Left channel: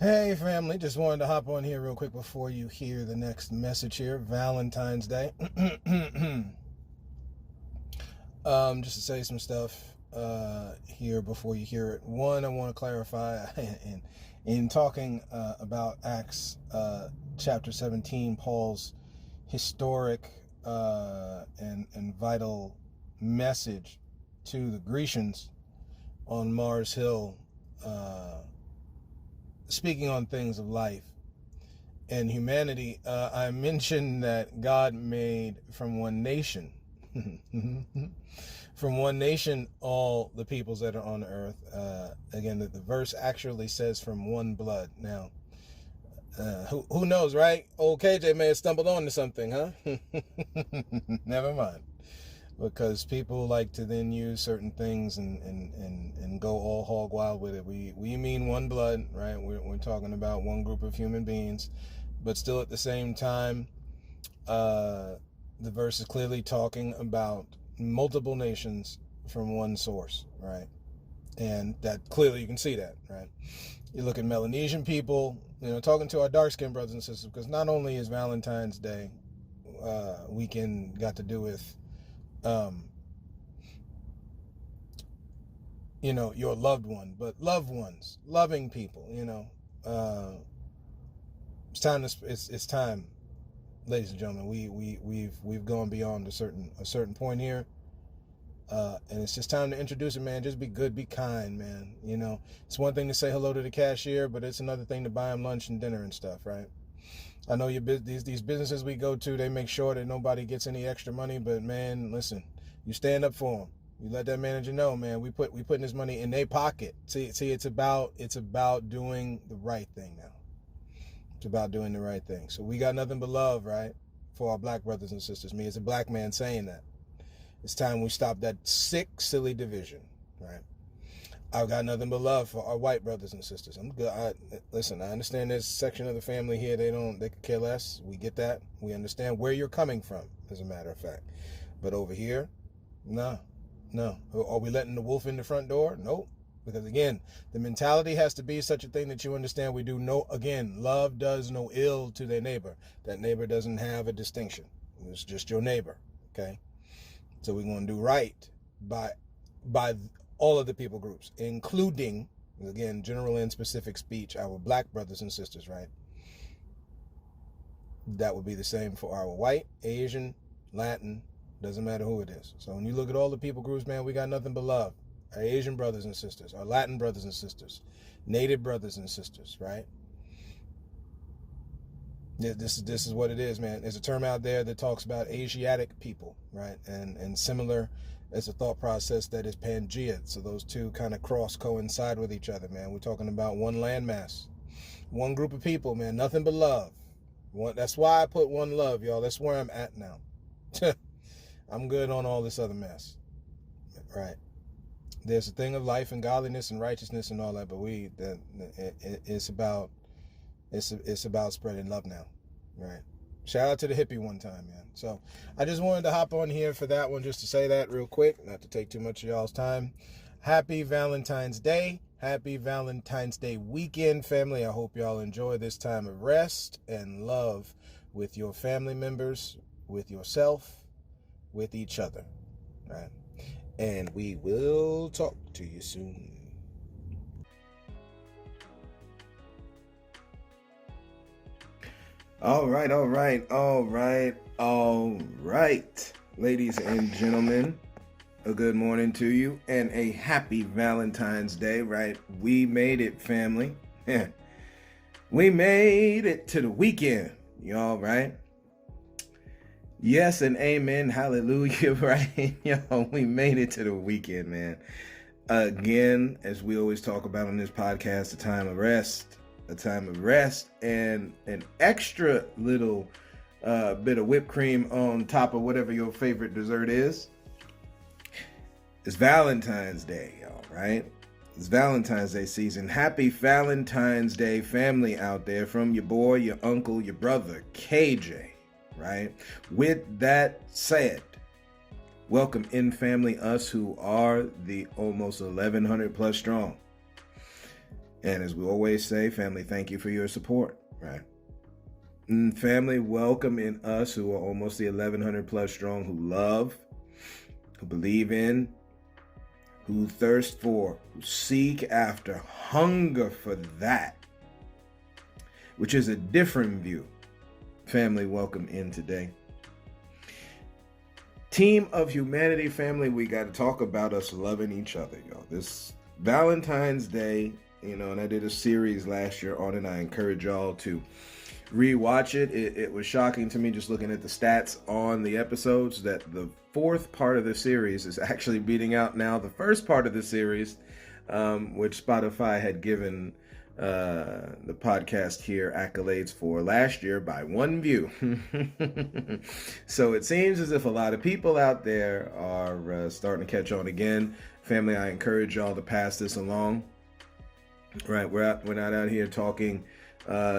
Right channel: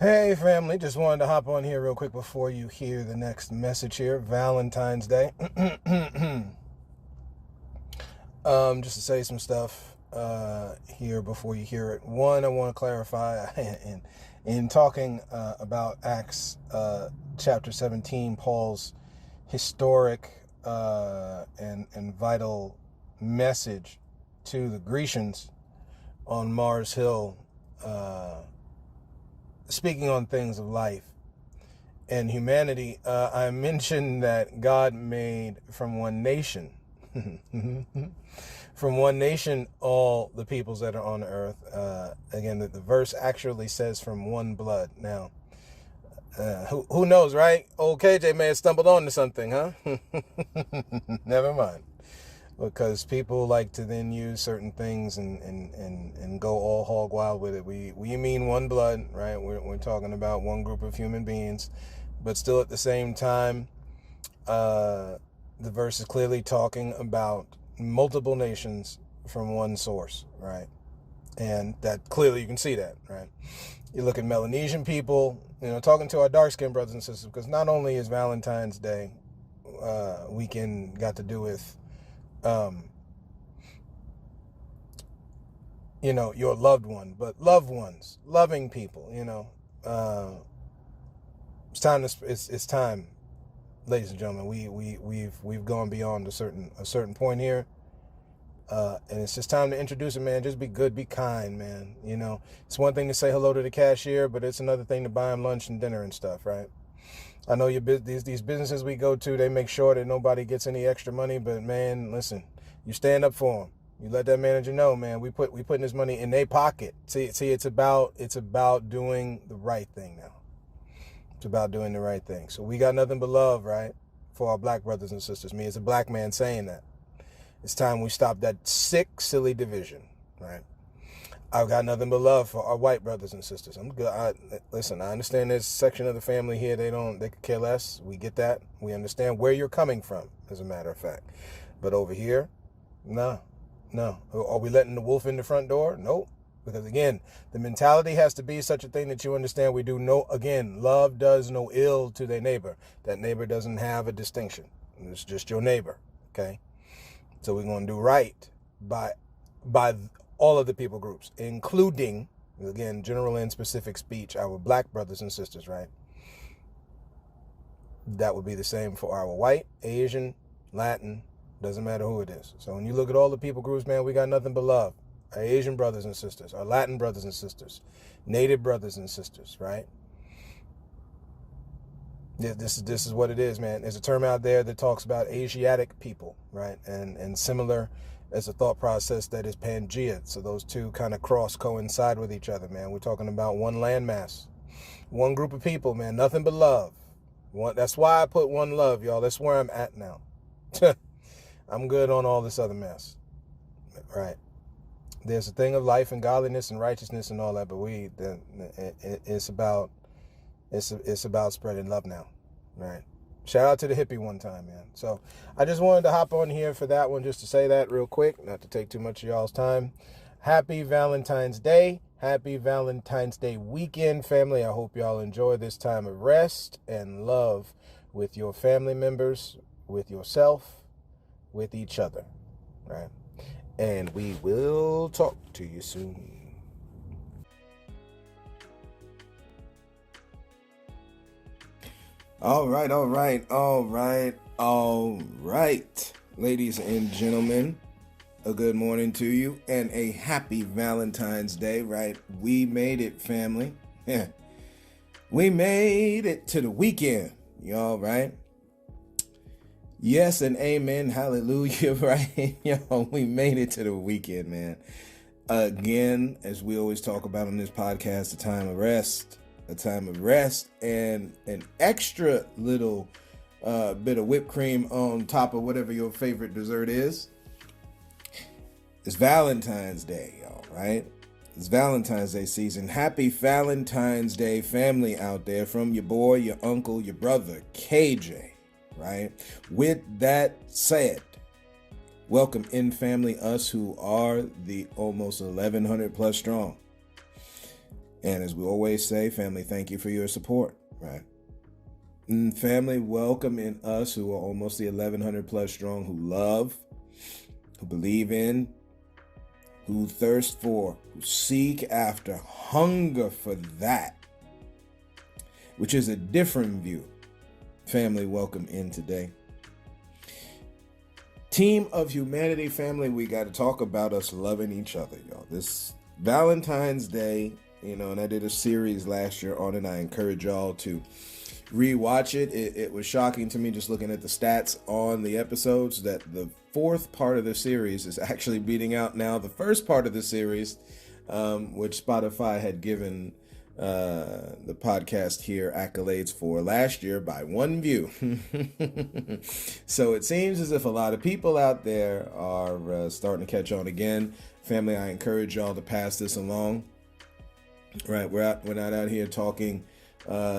Hey family, just wanted to hop on here real quick before you hear the next message here. Valentine's Day. Just to say some stuff here before you hear it. One, I want to clarify in talking about Acts chapter 17, Paul's historic and vital message to the Grecians on Mars Hill, speaking on things of life and humanity. I mentioned that God made from one nation, from one nation, all the peoples that are on earth. Again, the verse actually says from one blood. Now, who knows, right? Old KJ may have stumbled onto something, huh? Never mind. Because people like to then use certain things and go all hog wild with it. We mean one blood, right? We're talking about one group of human beings, but still at the same time, the verse is clearly talking about multiple nations from one source, right? And that clearly you can see that, right? You look at Melanesian people, talking to our dark-skinned brothers and sisters, because not only is Valentine's Day weekend got to do with your loved one, but loved ones, loving people, it's time, ladies and gentlemen. We've gone beyond a certain point here, and it's just time to introduce it, man. Just be good, be kind, man. It's one thing to say hello to the cashier, but it's another thing to buy him lunch and dinner and stuff, right? I know these businesses we go to, they make sure that nobody gets any extra money, but man, listen, you stand up for them. You let that manager know, man, we putting this money in their pocket. See, it's about doing the right thing now. It's about doing the right thing. So we got nothing but love, right, for our black brothers and sisters. Me as a black man saying that. It's time we stop that sick, silly division, right? I've got nothing but love for our white brothers and sisters. I'm good. Listen, I understand this section of the family here. They could care less. We get that. We understand where you're coming from, as a matter of fact. But over here, no. Are we letting the wolf in the front door? Nope. Because again, the mentality has to be such a thing that you understand we do love does no ill to their neighbor. That neighbor doesn't have a distinction. It's just your neighbor. Okay. So we're going to do right by all of the people groups, including, again, general and specific speech, our black brothers and sisters, right? That would be the same for our white, Asian, Latin, doesn't matter who it is. So when you look at all the people groups, man, we got nothing but love. Our Asian brothers and sisters, our Latin brothers and sisters, Native brothers and sisters, right? This is what it is, man. There's a term out there that talks about Asiatic people, right? And similar as a thought process that is Pangea. So those two kind of coincide with each other, man. We're talking about one landmass, one group of people, man. Nothing but love. That's why I put one love, y'all. That's where I'm at now. I'm good on all this other mess, right? There's a thing of life and godliness and righteousness and all that, but it's about spreading love now, right? Shout out to the hippie one time, man. So I just wanted to hop on here for that one, just to say that real quick, not to take too much of y'all's time. Happy Valentine's Day. Happy Valentine's Day weekend, family. I hope y'all enjoy this time of rest and love with your family members, with yourself, with each other, right? And we will talk to you soon. All right, ladies and gentlemen, a good morning to you and a happy Valentine's Day, right? We made it, family. Yeah. We made it to the weekend, y'all, right? Yes and amen, hallelujah, right? Yo, we made it to the weekend, man. Again, as we always talk about on this podcast, a time of rest and an extra little bit of whipped cream on top of whatever your favorite dessert is. It's Valentine's Day, y'all, right? It's Valentine's Day season. Happy Valentine's Day, family out there, from your boy, your uncle, your brother, KJ, right? With that said, welcome in, family, us who are the almost 1,100 plus strong. And as we always say, family, thank you for your support, right? And family, welcome in us who are almost the 1,100 plus strong, who love, who believe in, who thirst for, who seek after, hunger for that, which is a different view. Family, welcome in today. Team of humanity, family, we got to talk about us loving each other, y'all. This Valentine's Day, and I did a series last year on it. I encourage y'all to rewatch it. It was shocking to me just looking at the stats on the episodes that the fourth part of the series is actually beating out now the first part of the series, which Spotify had given the podcast here accolades for last year by 1 view. So it seems as if a lot of people out there are starting to catch on again. Family, I encourage y'all to pass this along. Right, we're not out here talking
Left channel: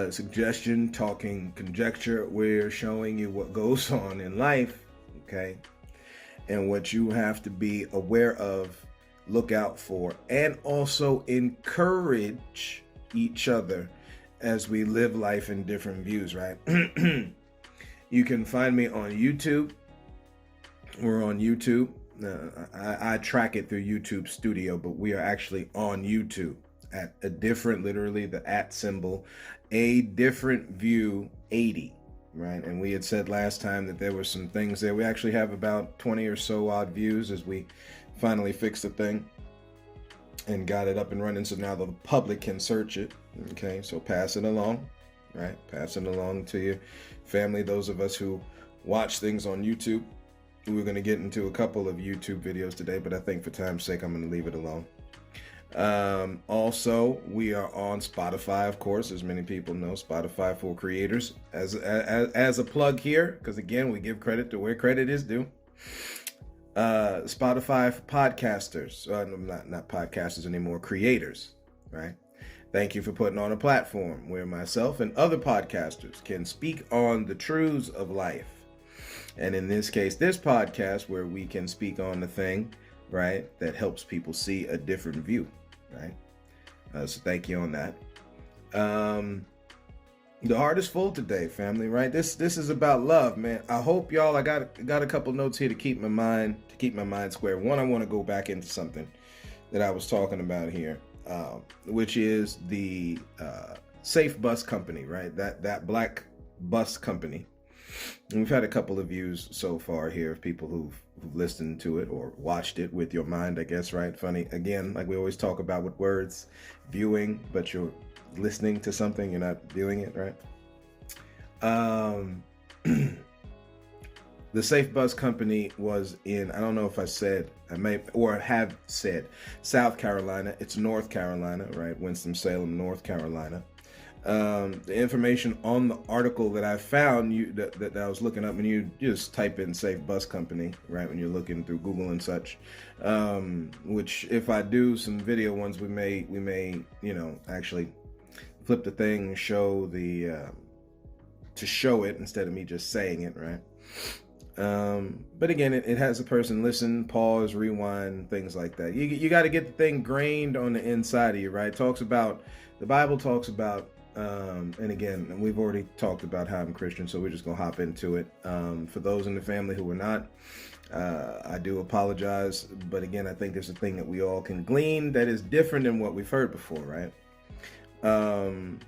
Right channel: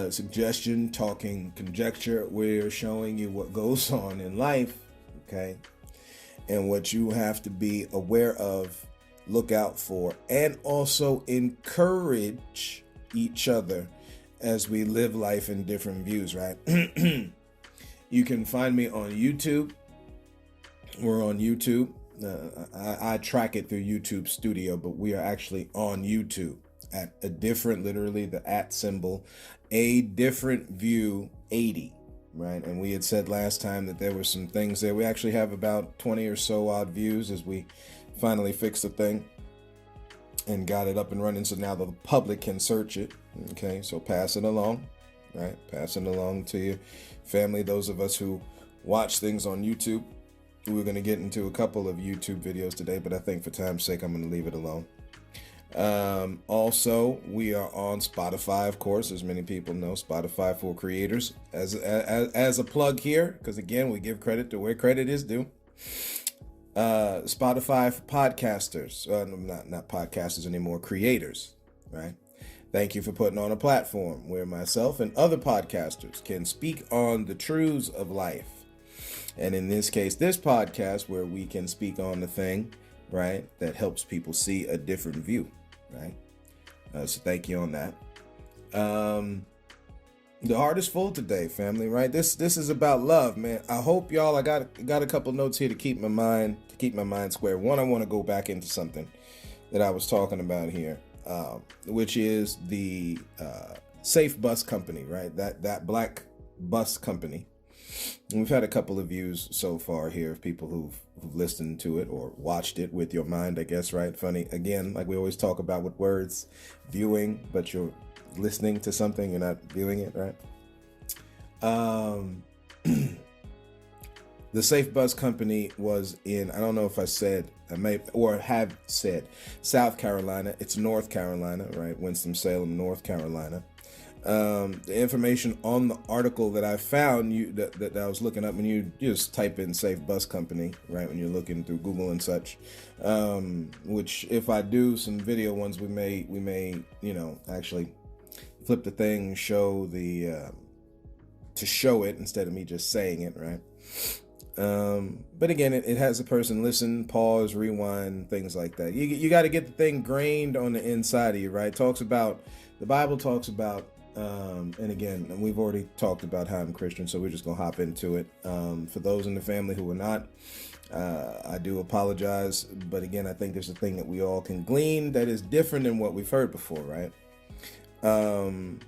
suggestion, talking conjecture. We're showing you what goes on in life, okay, and what you have to be aware of, look out for, and also encourage each other as we live life in different views, right? You can find me on YouTube. We're on YouTube. I track it through YouTube Studio, but we are actually on YouTube at a different, literally the @ symbol, a different view 80, right? And we had said last time that there were some things there. We actually have about 20 or so odd views as we finally fixed the thing and got it up and running, so now the public can search it. Okay, so pass it along, right? Pass it along to your family. Those of us who watch things on YouTube, we're going to get into a couple of YouTube videos today, but I think for time's sake, I'm going to leave it alone. Also, we are on Spotify, of course, as many people know, Spotify for creators. As a plug here, because again, we give credit to where credit is due. Spotify for podcasters, not podcasters anymore, creators, right? Thank you for putting on a platform where myself and other podcasters can speak on the truths of life. And in this case, this podcast where we can speak on the thing, right, that helps people see a different view, right? So thank you on that. The heart is full today, family, right? This is about love, man. I hope y'all, I got a couple notes here to keep my mind square. One, I want to go back into something that I was talking about here, which is the Safe Bus Company, right? That black bus company. And we've had a couple of views so far here of people who've listened to it or watched it with your mind, I guess, right? Funny, again, like we always talk about with words, viewing, but you're listening to something, you're not viewing it, right? The Safe Bus Company was in, I don't know if I said, I may, or have said, South Carolina. It's North Carolina, right? Winston-Salem, North Carolina. The information on the article that I found, that I was looking up, and you just type in Safe Bus Company, right, when you're looking through Google and such, which if I do some video ones, we may, actually flip the thing, show to show it instead of me just saying it, right? But again, it has a person listen, pause, rewind, things like that. You got to get the thing grained on the inside of you, right? The Bible talks about, and again, we've already talked about how I'm Christian, so we're just going to hop into it. For those in the family who are not, I do apologize. But again, I think there's a thing that we all can glean that is different than what we've heard before, right? And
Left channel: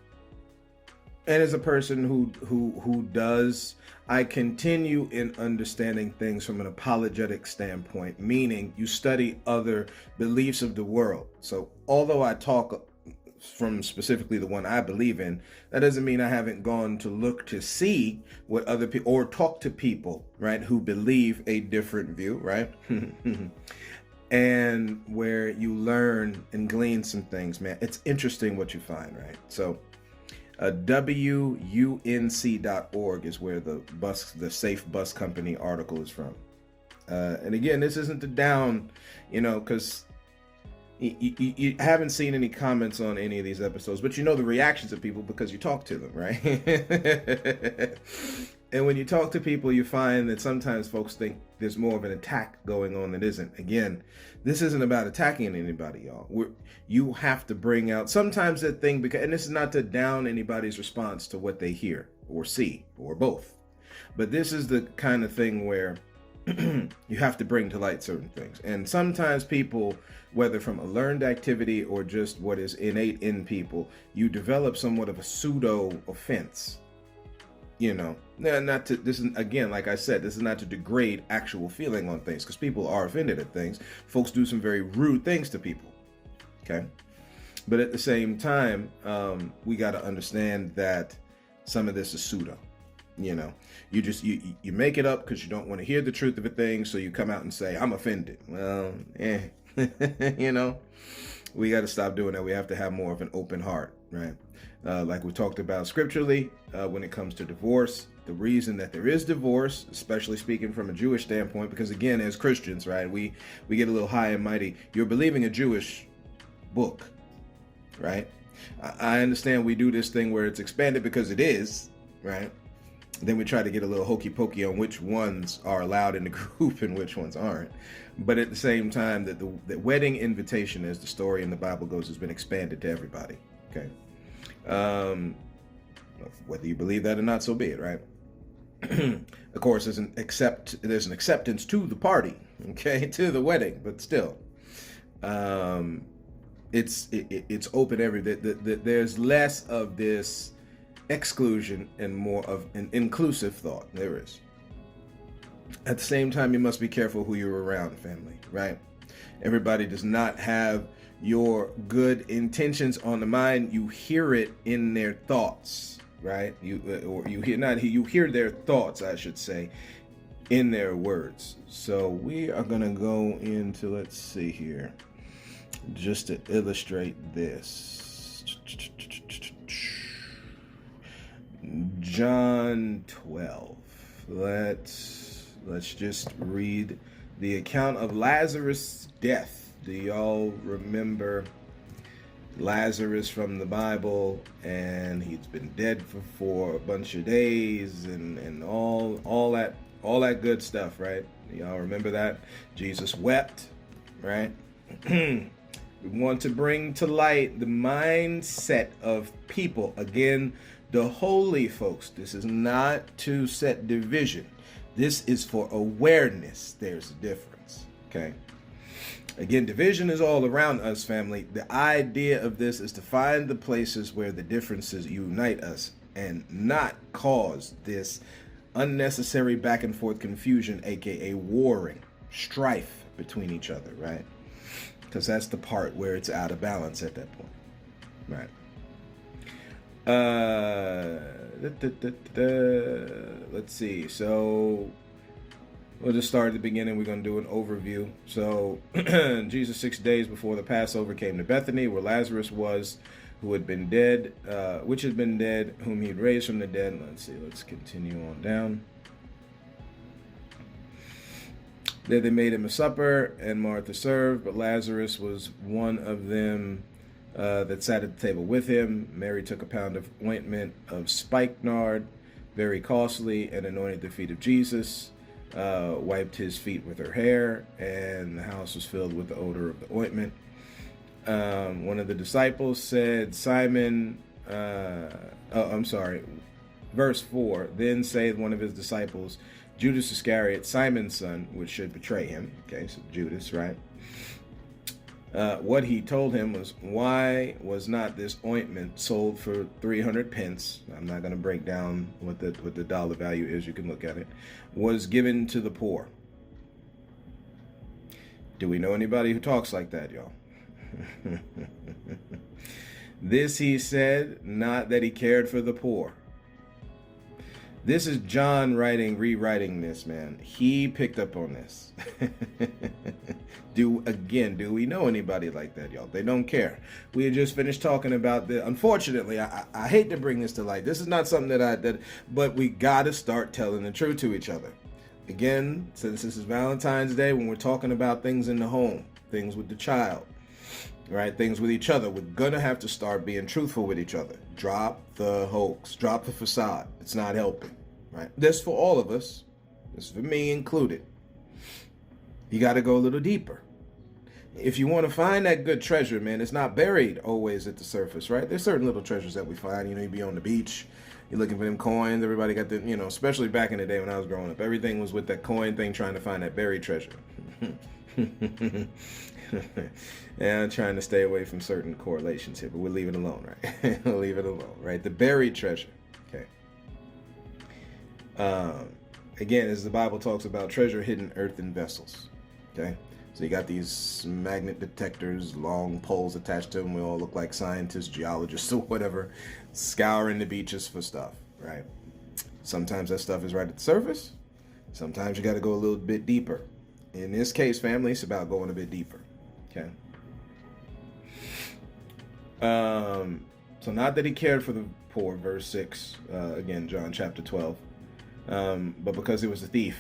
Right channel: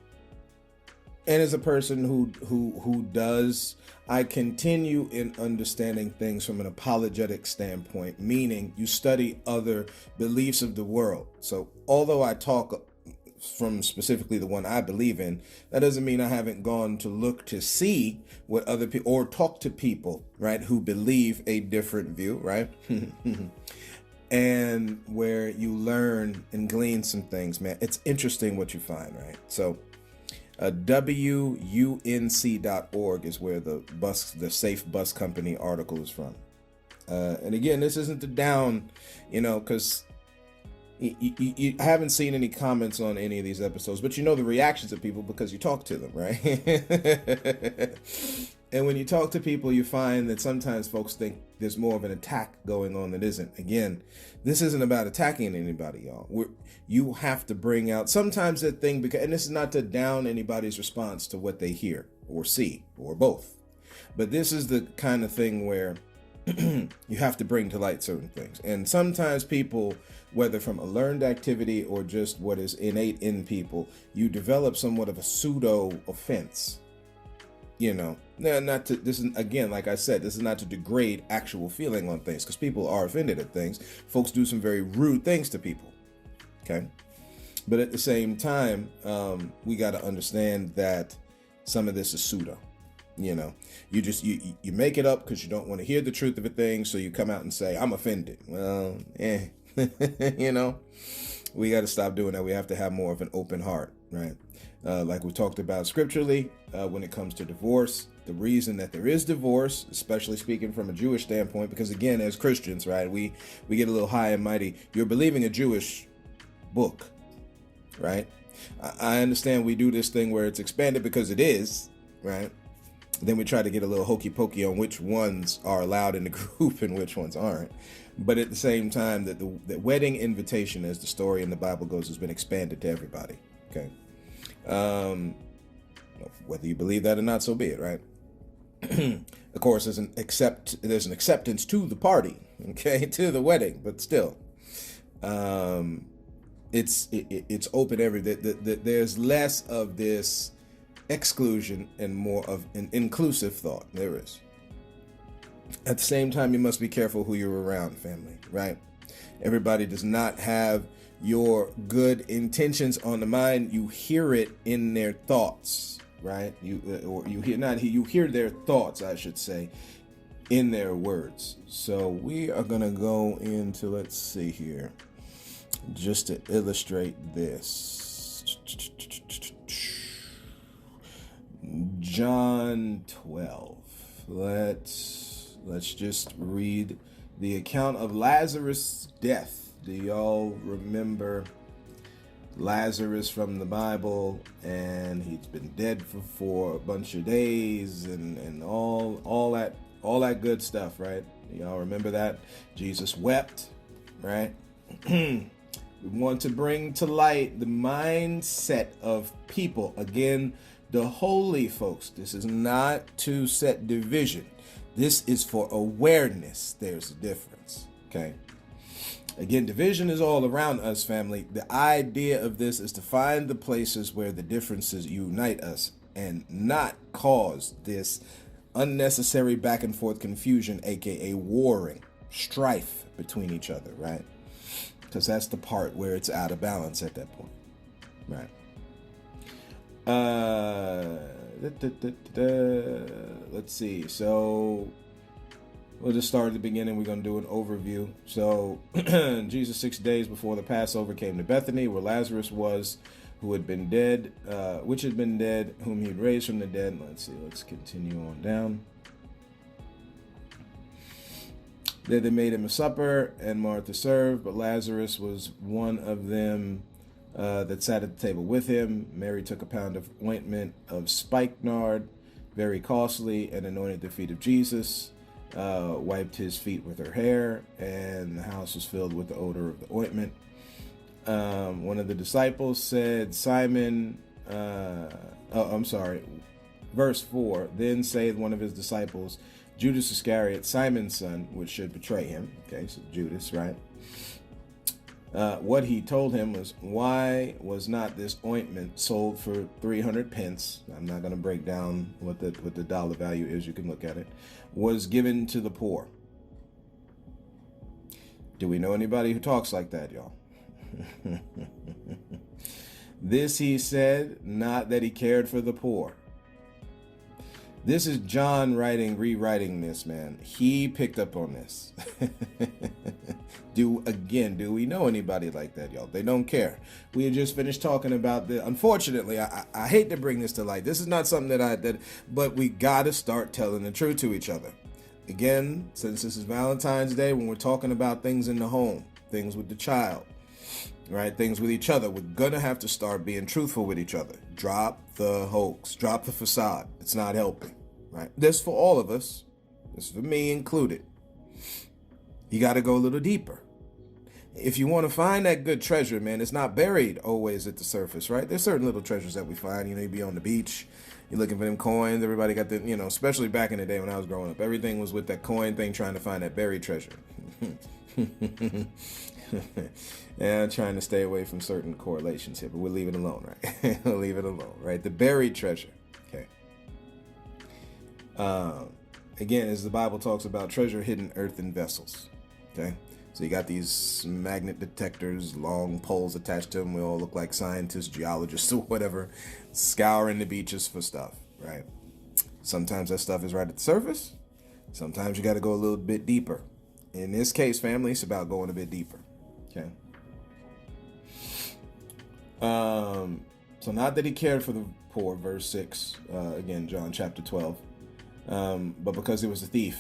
as a person who does, I continue in understanding things from an apologetic standpoint, meaning you study other beliefs of the world. So although I talk from specifically the one I believe in, that doesn't mean I haven't gone to look to see what other people, or talk to people, right, who believe a different view, right? And where you learn and glean some things, man. It's interesting what you find, right? So WUNC.org is where the Safe Bus Company article is from. And again, this isn't to down, because you haven't seen any comments on any of these episodes, but the reactions of people because you talk to them, right? And when you talk to people, you find that sometimes folks think there's more of an attack going on that isn't. Again, this isn't about attacking anybody, y'all. You have to bring out sometimes that thing, because, and this is not to down anybody's response to what they hear or see or both. But this is the kind of thing where you have to bring to light certain things. And sometimes people, whether from a learned activity or just what is innate in people, you develop somewhat of a pseudo offense. You know, not to, this is, again, like I said, this is not to degrade actual feeling on things, because people are offended at things. Folks do some very rude things to people. Okay. But at the same time, we got to understand that some of this is pseudo. You know, you make it up because you don't want to hear the truth of a thing. So you come out and say, I'm offended. Well, you know, we got to stop doing that. We have to have more of an open heart, right? Like we talked about scripturally, when it comes to divorce, the reason that there is divorce, especially speaking from a Jewish standpoint, because again, as Christians, right, we get a little high and mighty. You're believing a Jewish book, right? I understand we do this thing where it's expanded because it is, right? Then we try to get a little hokey pokey on which ones are allowed in the group and which ones aren't. But at the same time, that the wedding invitation, as the story in the Bible goes, has been expanded to everybody. Okay. Whether you believe that or not, so be it, right? Of course, there's an acceptance to the party, okay, to the wedding, but still, it's open there's less of this exclusion and more of an inclusive thought. There is. At the same time, you must be careful who you're around, family, right? Everybody does not have your good intentions on the mind. You hear it in their thoughts, right? You hear their thoughts, I should say, in their words. So we are going to go into, let's see here, just to illustrate this. John 12. Let's just read the account of Lazarus' death. Do y'all remember Lazarus from the Bible? And he's been dead for a bunch of days and all that good stuff, right? Y'all remember that? Jesus wept, right? We want to bring to light the mindset of people. Again, the holy folks. This is not to set division. This is for awareness. There's a difference, okay? Again, division is all around us, family. The idea of this is to find the places where the differences unite us and not cause this unnecessary back and forth confusion, aka warring, strife between each other, right? Because that's the part where it's out of balance at that point, right? Let's see. So we'll just start at the beginning. We're going to do an overview. So Jesus 6 days before the Passover came to Bethany, where Lazarus was, who had been dead, which had been dead, whom he'd raised from the dead. Let's see. Let's continue on down. There they made him a supper, and Martha served, but Lazarus was one of them that sat at the table with him. Mary took a pound of ointment of spikenard, very costly, and anointed the feet of Jesus, wiped his feet with her hair, and the house was filled with the odor of the ointment. One of the disciples said, verse 4, then saith one of his disciples, Judas Iscariot, Simon's son, which should betray him. Okay, so Judas, right? What he told him was, why was not this ointment sold for 300 pence? I'm not going to break down what the dollar value is. You can look at it. Was given to the poor. Do we know anybody who talks like that, y'all? This he said, not that he cared for the poor. This is John rewriting this, man. He picked up on this. Do we know anybody like that, y'all? They don't care. We had just finished talking about the, unfortunately, I hate to bring this to light. This is not something but we got to start telling the truth to each other. Again, since this is Valentine's Day, when we're talking about things in the home, things with the child, right? Things with each other, we're going to have to start being truthful with each other. Drop the hoax, drop the facade. It's not helping, right? This for all of us. This for me included. You got to go a little deeper. If you want to find that good treasure, man, it's not buried always at the surface, right? There's certain little treasures that we find. You be on the beach, you're looking for them coins. Everybody got the, especially back in the day when I was growing up, everything was with that coin thing, trying to find that buried treasure. And trying to stay away from certain correlations here, but we'll leave it alone, right? We'll leave it alone, right? The buried treasure, okay? Again, as the Bible talks about treasure hidden earthen vessels, okay? So you got these magnet detectors, long poles attached to them. We all look like scientists, geologists, or whatever, scouring the beaches for stuff, right? Sometimes that stuff is right at the surface. Sometimes you got to go a little bit deeper. In this case, family, it's about going a bit deeper, okay? So not that he cared for the poor, verse 6, again, John chapter 12, but because he was a thief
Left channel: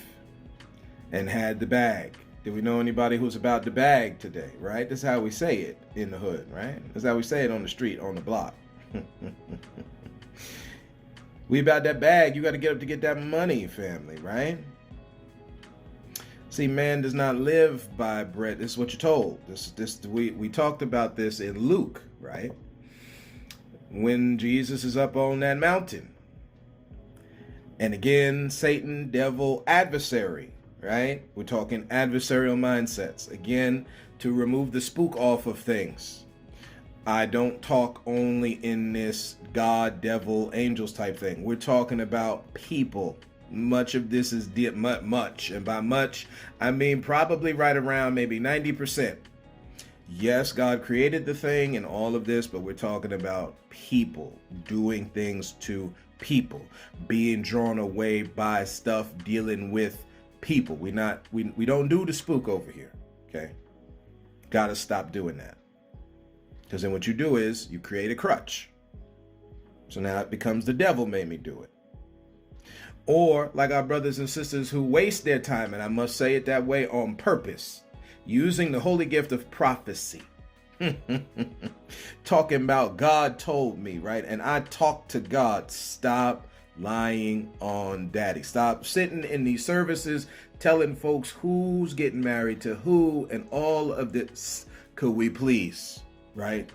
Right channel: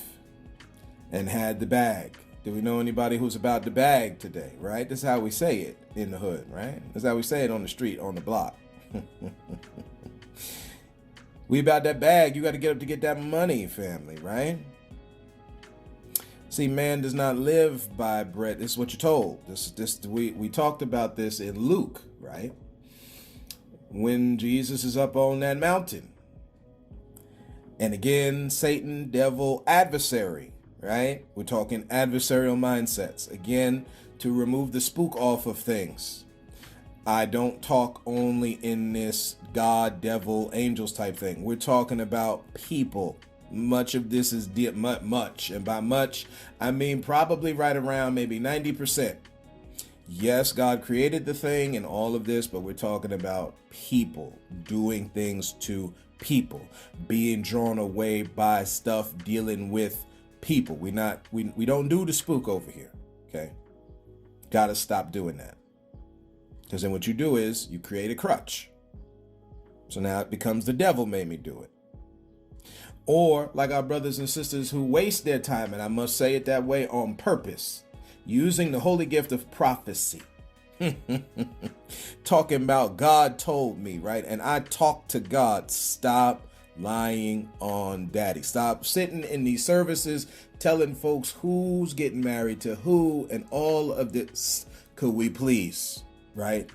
and had the bag. Do we know anybody who's about the bag today, right? This is how we say it in the hood, right? This is how we say it on the street, on the block. We about that bag. You got to get up to get that money, family, right? See, man does not live by bread. This is what you're told. We talked about this in Luke, right? When Jesus is up on that mountain. And again, Satan, devil, adversary, right? We're talking adversarial mindsets. Again, to remove the spook off of things. I don't talk only in this God, devil, angels type thing. We're talking about people. Much of this is much. And by much, I mean probably right around maybe 90%. Yes, God created the thing and all of this, but we're talking about people doing things to people, being drawn away by stuff, dealing with people. We don't do the spook over here, okay? Gotta stop doing that. Because then what you do is you create a crutch. So now it becomes the devil made me do it. Or like our brothers and sisters who waste their time, and I must say it that way on purpose, using the holy gift of prophecy. Talking about God told me, right? And I talk to God. Stop lying on daddy. Stop sitting in these services telling folks who's getting married to who and all of this. Could we please, right?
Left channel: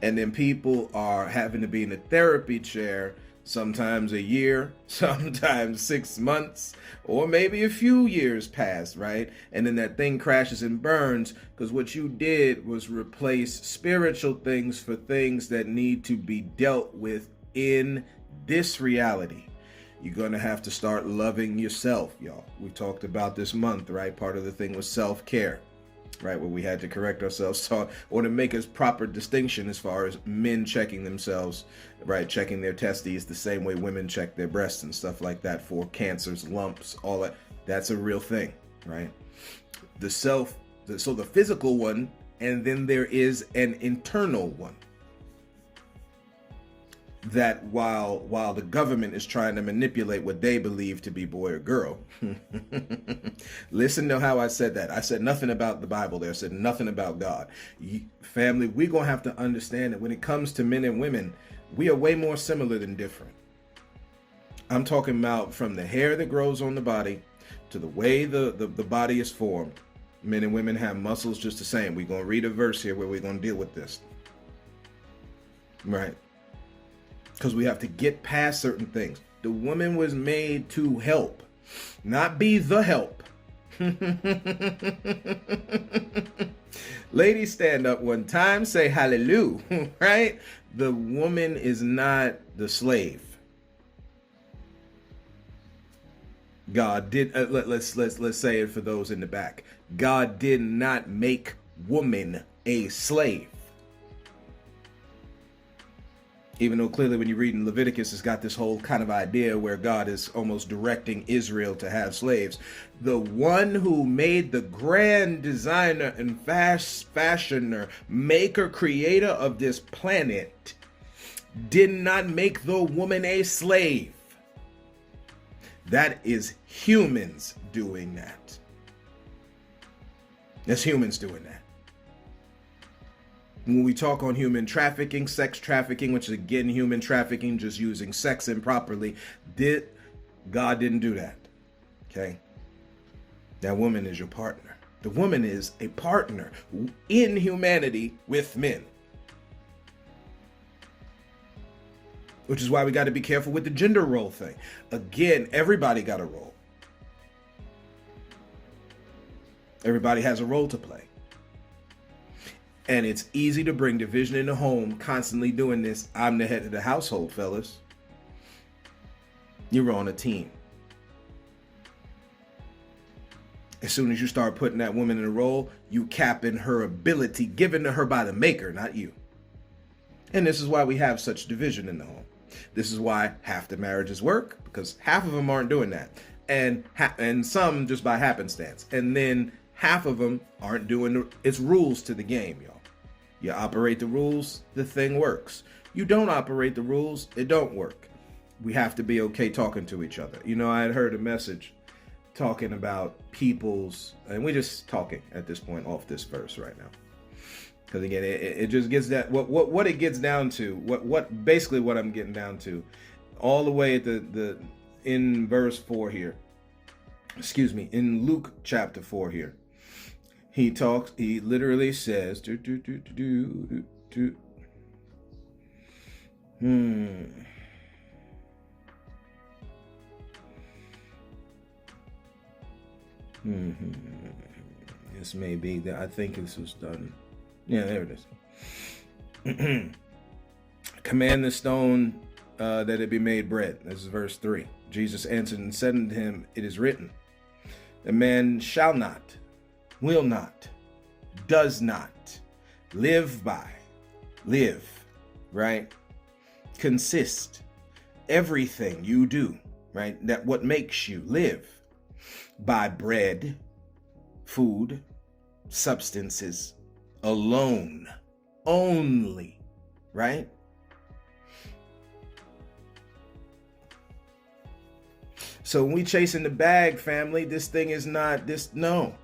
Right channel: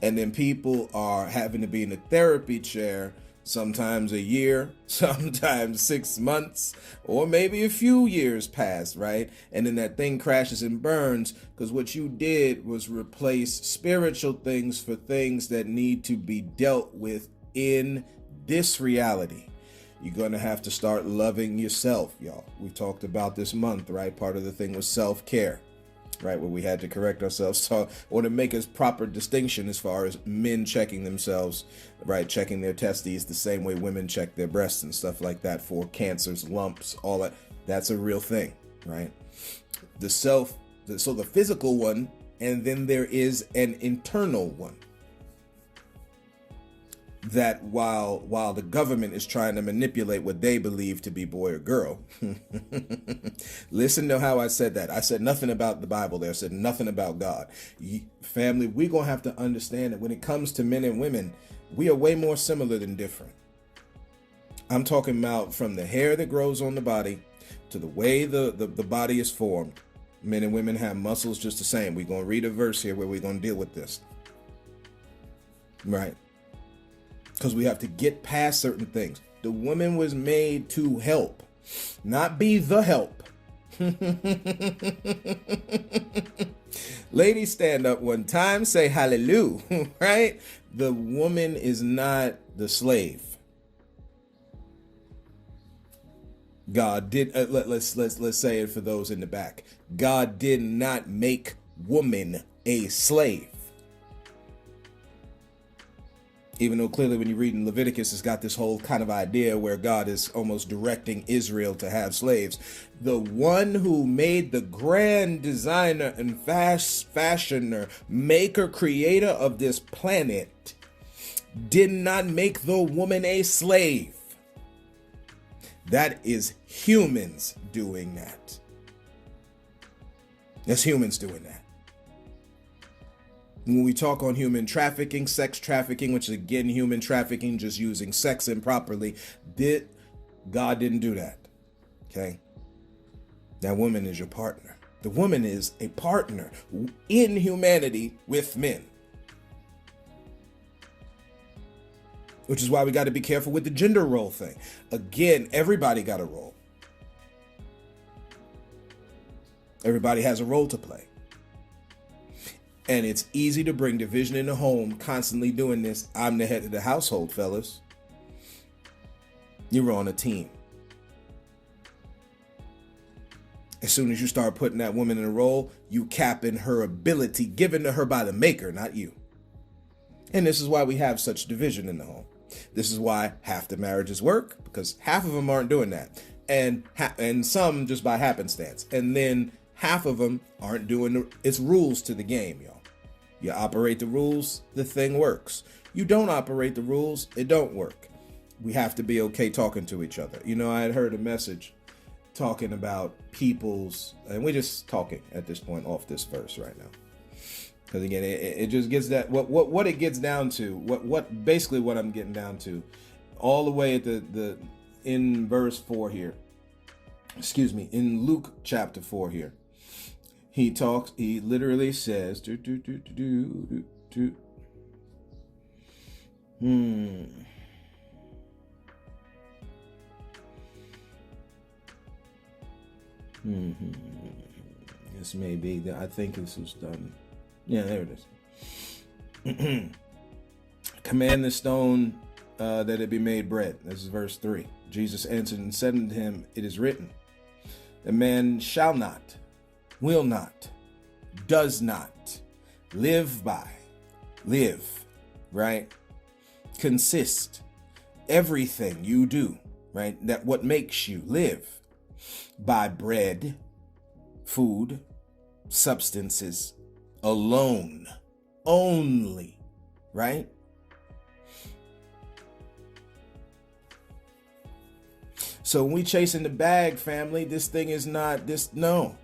And then people are having to be in a therapy chair sometimes a year, sometimes 6 months, or maybe a few years past, right? And then that thing crashes and burns because what you did was replace spiritual things for things that need to be dealt with in this reality. You're going to have to start loving yourself, y'all. We talked about this month, right? Part of the thing was self-care, right? Where we had to correct ourselves or to make a proper distinction as far as men checking themselves, right? Checking their testes the same way women check their breasts and stuff like that for cancers, lumps, all that. That's a real thing, right? So the physical one, and then there is an internal one. That while the government is trying to manipulate what they believe to be boy or girl, listen to how I said that. I said nothing about the Bible there. I said nothing about God. Family, we're going to have to understand that when it comes to men and women, we are way more similar than different. I'm talking about from the hair that grows on the body to the way the body is formed. Men and women have muscles just the same. We're going to read a verse here where we're going to deal with this. Right. Because we have to get past certain things. The woman was made to help, not be the help. Ladies, stand up one time, say hallelujah, right? The woman is not the slave. God did, let's say it for those in the back. God did not make woman a slave. Even though clearly when you read in Leviticus, it's got this whole kind of idea where God is almost directing Israel to have slaves. The one who made the grand designer and fashioner, maker, creator of this planet did not make the woman a slave. That is humans doing that. That's humans doing that. When we talk on human trafficking, sex trafficking, which is again human trafficking, just using sex improperly, God didn't do that. Okay. That woman is your partner. The woman is a partner in humanity with men. Which is why we got to be careful with the gender role thing. Again, everybody got a role. Everybody has a role to play. And it's easy to bring division in the home, constantly doing this. I'm the head of the household, fellas. You're on a team. As soon as you start putting that woman in a role, you capping her ability given to her by the maker, not you. And this is why we have such division in the home. This is why half the marriages work, because half of them aren't doing that. And some just by happenstance. And then half of them aren't doing it's rules to the game, y'all. You operate the rules, the thing works. You don't operate the rules, it don't work. We have to be okay talking to each other. You know, I had heard a message talking about people's, and we're just talking at this point off this verse right now. Because again, it just gets that what it gets down to, what basically what I'm getting down to, all the way at the in verse 4 here. Excuse me, in Luke chapter 4 here. He literally says This may be that I think this was done. Yeah, there it is. Command the stone that it be made bread. This is verse 3. Jesus answered and said unto him, it is written, the man shall not, will not, does not live by, right? Consist, everything you do, right? That what makes you live by bread, food, substances alone, only, right? So when we chasing the bag, family, this thing is not this. No.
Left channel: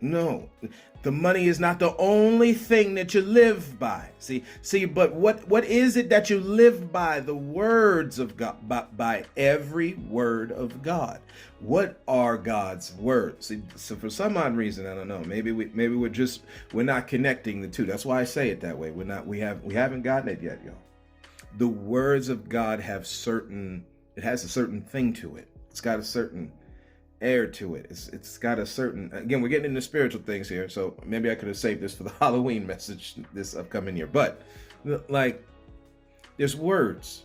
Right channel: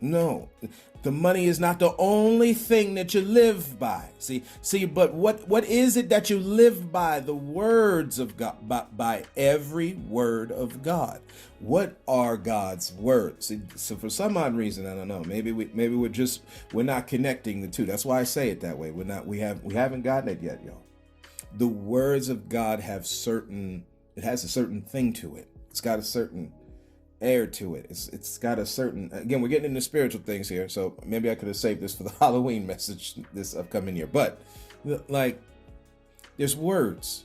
The money is not the only thing that you live by. See, but what is it that you live by? The words of God, by every word of God. What are God's words? See, so for some odd reason, I don't know. Maybe we're not connecting the two. That's why I say it that way. We haven't gotten it yet, y'all. The words of God it has a certain thing to it. It's got a certain air to it. It's got a certain, again, we're getting into spiritual things here, so maybe I could have saved this for the Halloween message this upcoming year. But like, there's words,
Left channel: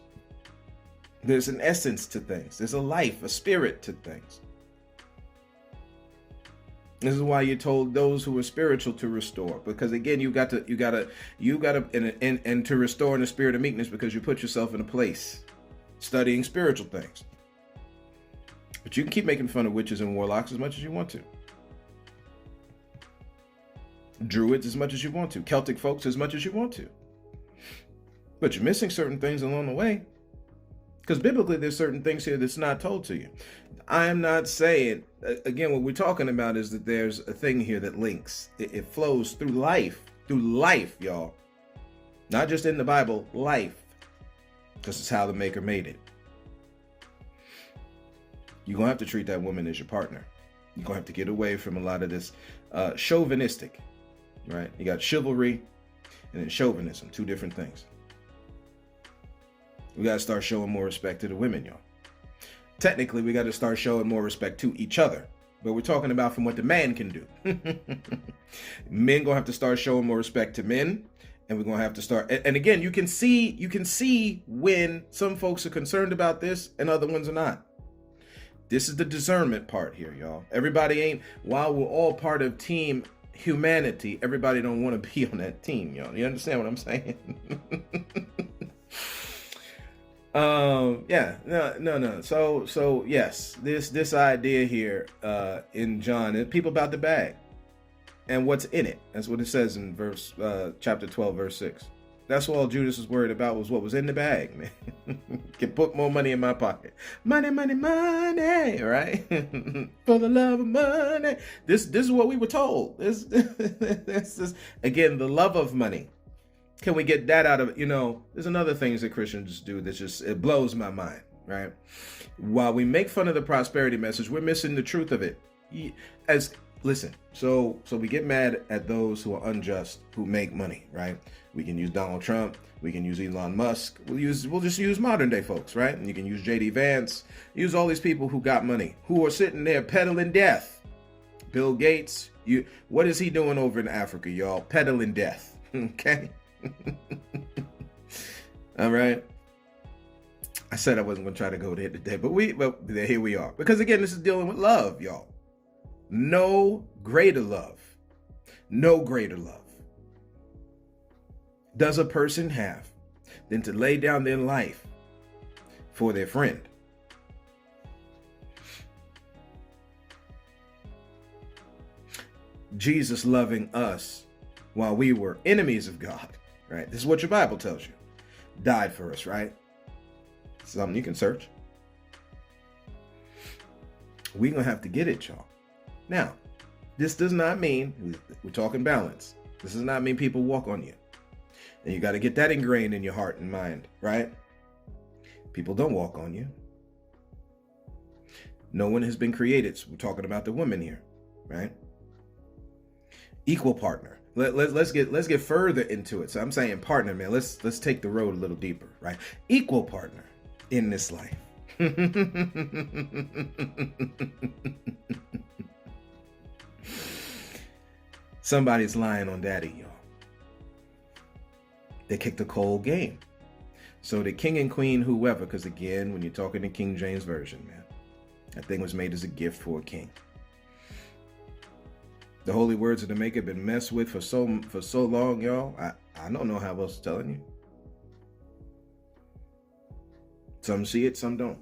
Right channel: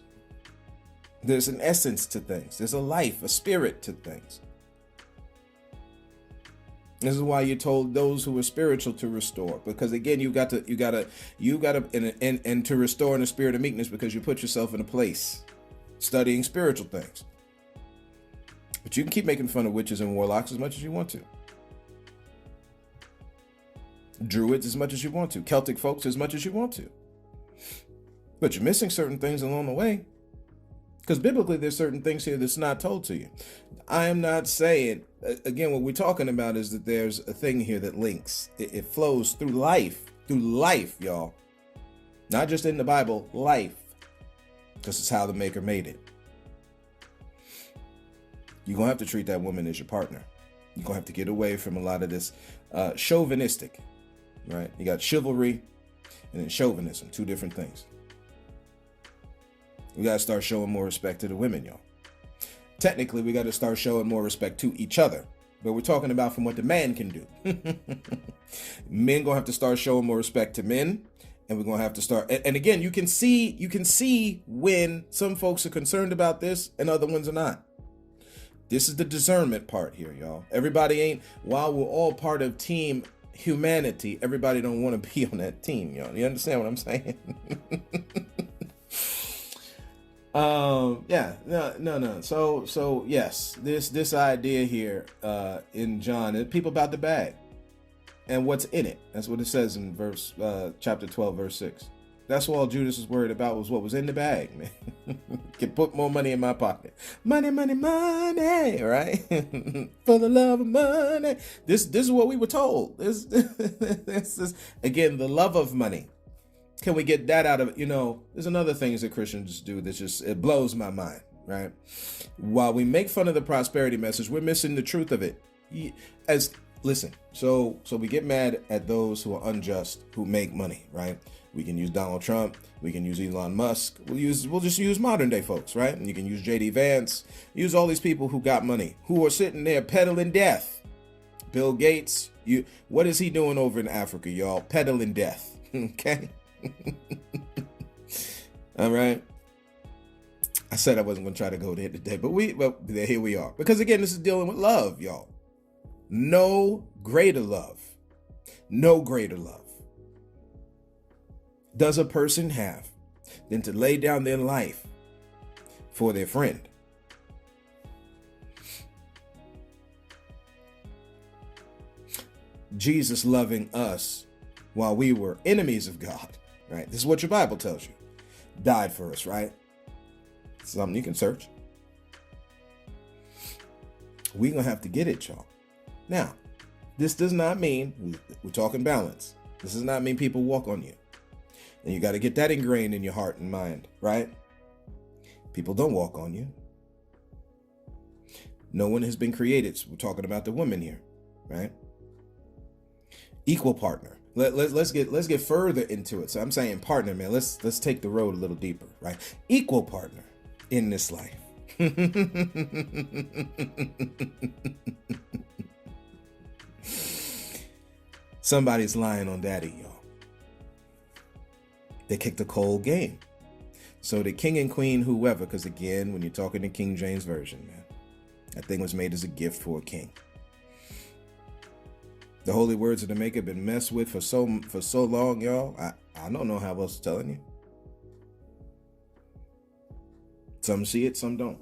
there's an essence to things, there's a life, a spirit to things. This is why you're told those who are spiritual to restore, because again, you got to, and to restore in the spirit of meekness, because you put yourself in a place studying spiritual things. But you can keep making fun of witches and warlocks as much as you want to. Druids as much as you want to. Celtic folks as much as you want to. But you're missing certain things along the way. Because biblically, there's certain things here that's not told to you. I am not saying, again, what we're talking about is that there's a thing here that links. It flows through life, y'all. Not just in the Bible, life. This is how the Maker made it. You're going to have to treat that woman as your partner. You're going to have to get away from a lot of this chauvinistic, right? You got chivalry and then chauvinism, two different things. We got to start showing more respect to the women, y'all. Technically, we got to start showing more respect to each other. But we're talking about from what the man can do. Men going to have to start showing more respect to men. And we're going to have to start. And again, you can see when some folks are concerned about this and other ones are not. This is the discernment part here, y'all. Everybody ain't, while we're all part of team humanity, everybody don't want to be on that team, y'all. You understand what I'm saying? No. So yes, this idea here in John, is people about the bag and what's in it. That's what it says in chapter 12, verse 6. That's all Judas was worried about, was what was in the bag, man. Can put more money in my pocket. Money, right? For the love of money. This is what we were told. This is, again, the love of money. Can we get that out of, there's another things that Christians do that it blows my mind. right? While we make fun of the prosperity message, we're missing the truth of it. Listen, so we get mad at those who are unjust, who make money, right? We can use Donald Trump, we can use Elon Musk, we'll just use modern day folks, right? And you can use JD Vance, use all these people who got money, who are sitting there peddling death. Bill Gates, what is he doing over in Africa, y'all? Peddling death, okay? All right. I said I wasn't going to try to go there today, but here we are. Because again, this is dealing with love, y'all. No greater love. No greater love does a person have than to lay down their life for their friend. Jesus loving us while we were enemies of God, right? This is what your Bible tells you. Died for us, right? Something you can search. We're going to have to get it, y'all. Now, this does not mean, we're talking balance. This does not mean people walk on you. And you got to get that ingrained in your heart and mind, right? People don't walk on you. No one has been created. So we're talking about the woman here, right? Equal partner. Let's get further into it. So I'm saying partner, man. Let's take the road a little deeper, right? Equal partner in this life. Somebody's lying on daddy, y'all. They kicked a cold game. So the king and queen, whoever, because again, when you're talking the King James Version, man, that thing was made as a gift for a king. The holy words of the maker been messed with for so long, y'all. I don't know how else to telling you. Some see it, some don't.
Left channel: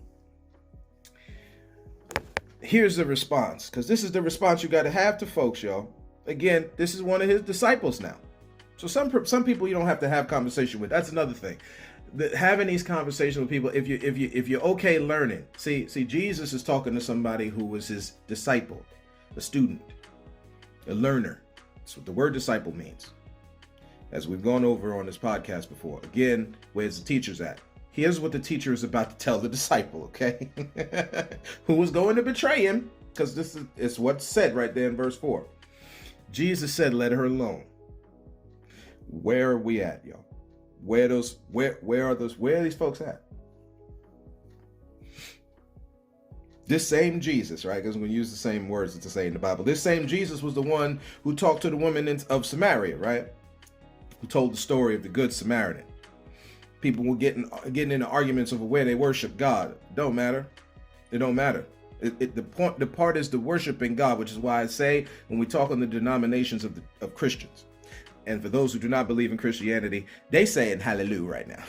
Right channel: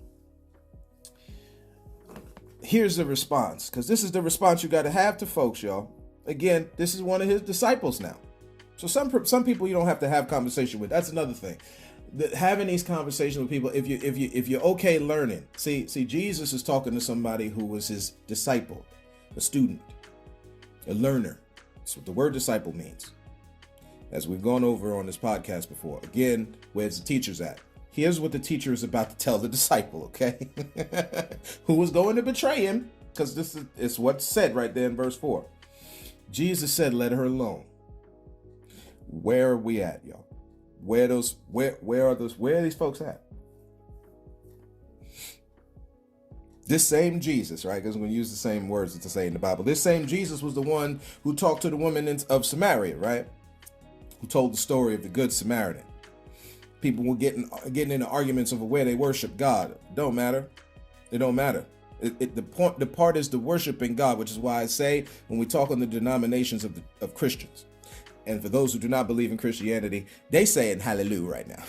Here's the response, because this is the response you got to have to folks, y'all. Again, this is one of his disciples now. So some people you don't have to have conversation with. That's another thing. Having these conversations with people, if you're okay learning. See, Jesus is talking to somebody who was his disciple, a student, a learner. That's what the word disciple means. As we've gone over on this podcast before. Again, where's the teachers at? Here's what the teacher is about to tell the disciple, okay? Who was going to betray him, because this is what's said right there in verse 4. Jesus said, let her alone. Where are we at, y'all? Where are these folks at? This same Jesus, right? Because we use the same words to say in the Bible. This same Jesus was the one who talked to the woman of Samaria, right? Who told the story of the Good Samaritan. People were getting into arguments over where they worship God. It don't matter. It don't matter. The part is the worshiping God, which is why I say when we talk on the denominations of Christians, and for those who do not believe in Christianity, they say in hallelujah right now.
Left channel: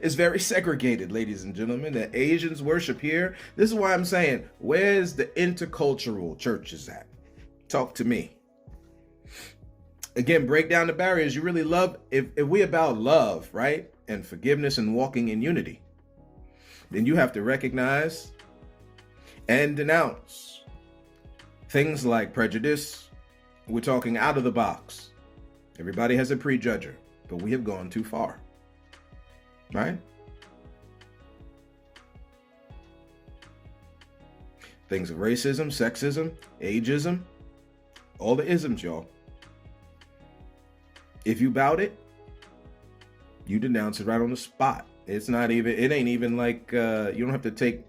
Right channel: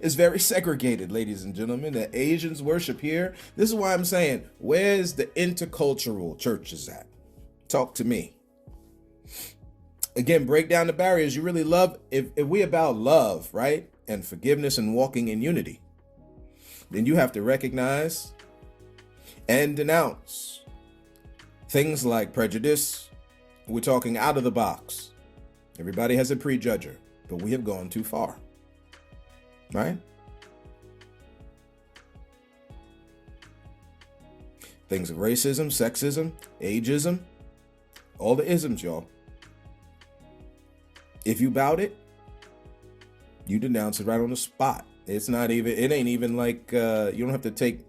It's very segregated, ladies and gentlemen. The Asians worship here. This is why I'm saying, where's the intercultural churches at? Talk to me. Again, break down the barriers. You really love, if we about love, right? And forgiveness and walking in unity, then you have to recognize and denounce things like prejudice. We're talking out of the box. Everybody has a prejudger, but we have gone too far, right? Things of racism, sexism, ageism, all the isms, y'all. If you bout it, you denounce it right on the spot. It ain't even like, you don't have to take,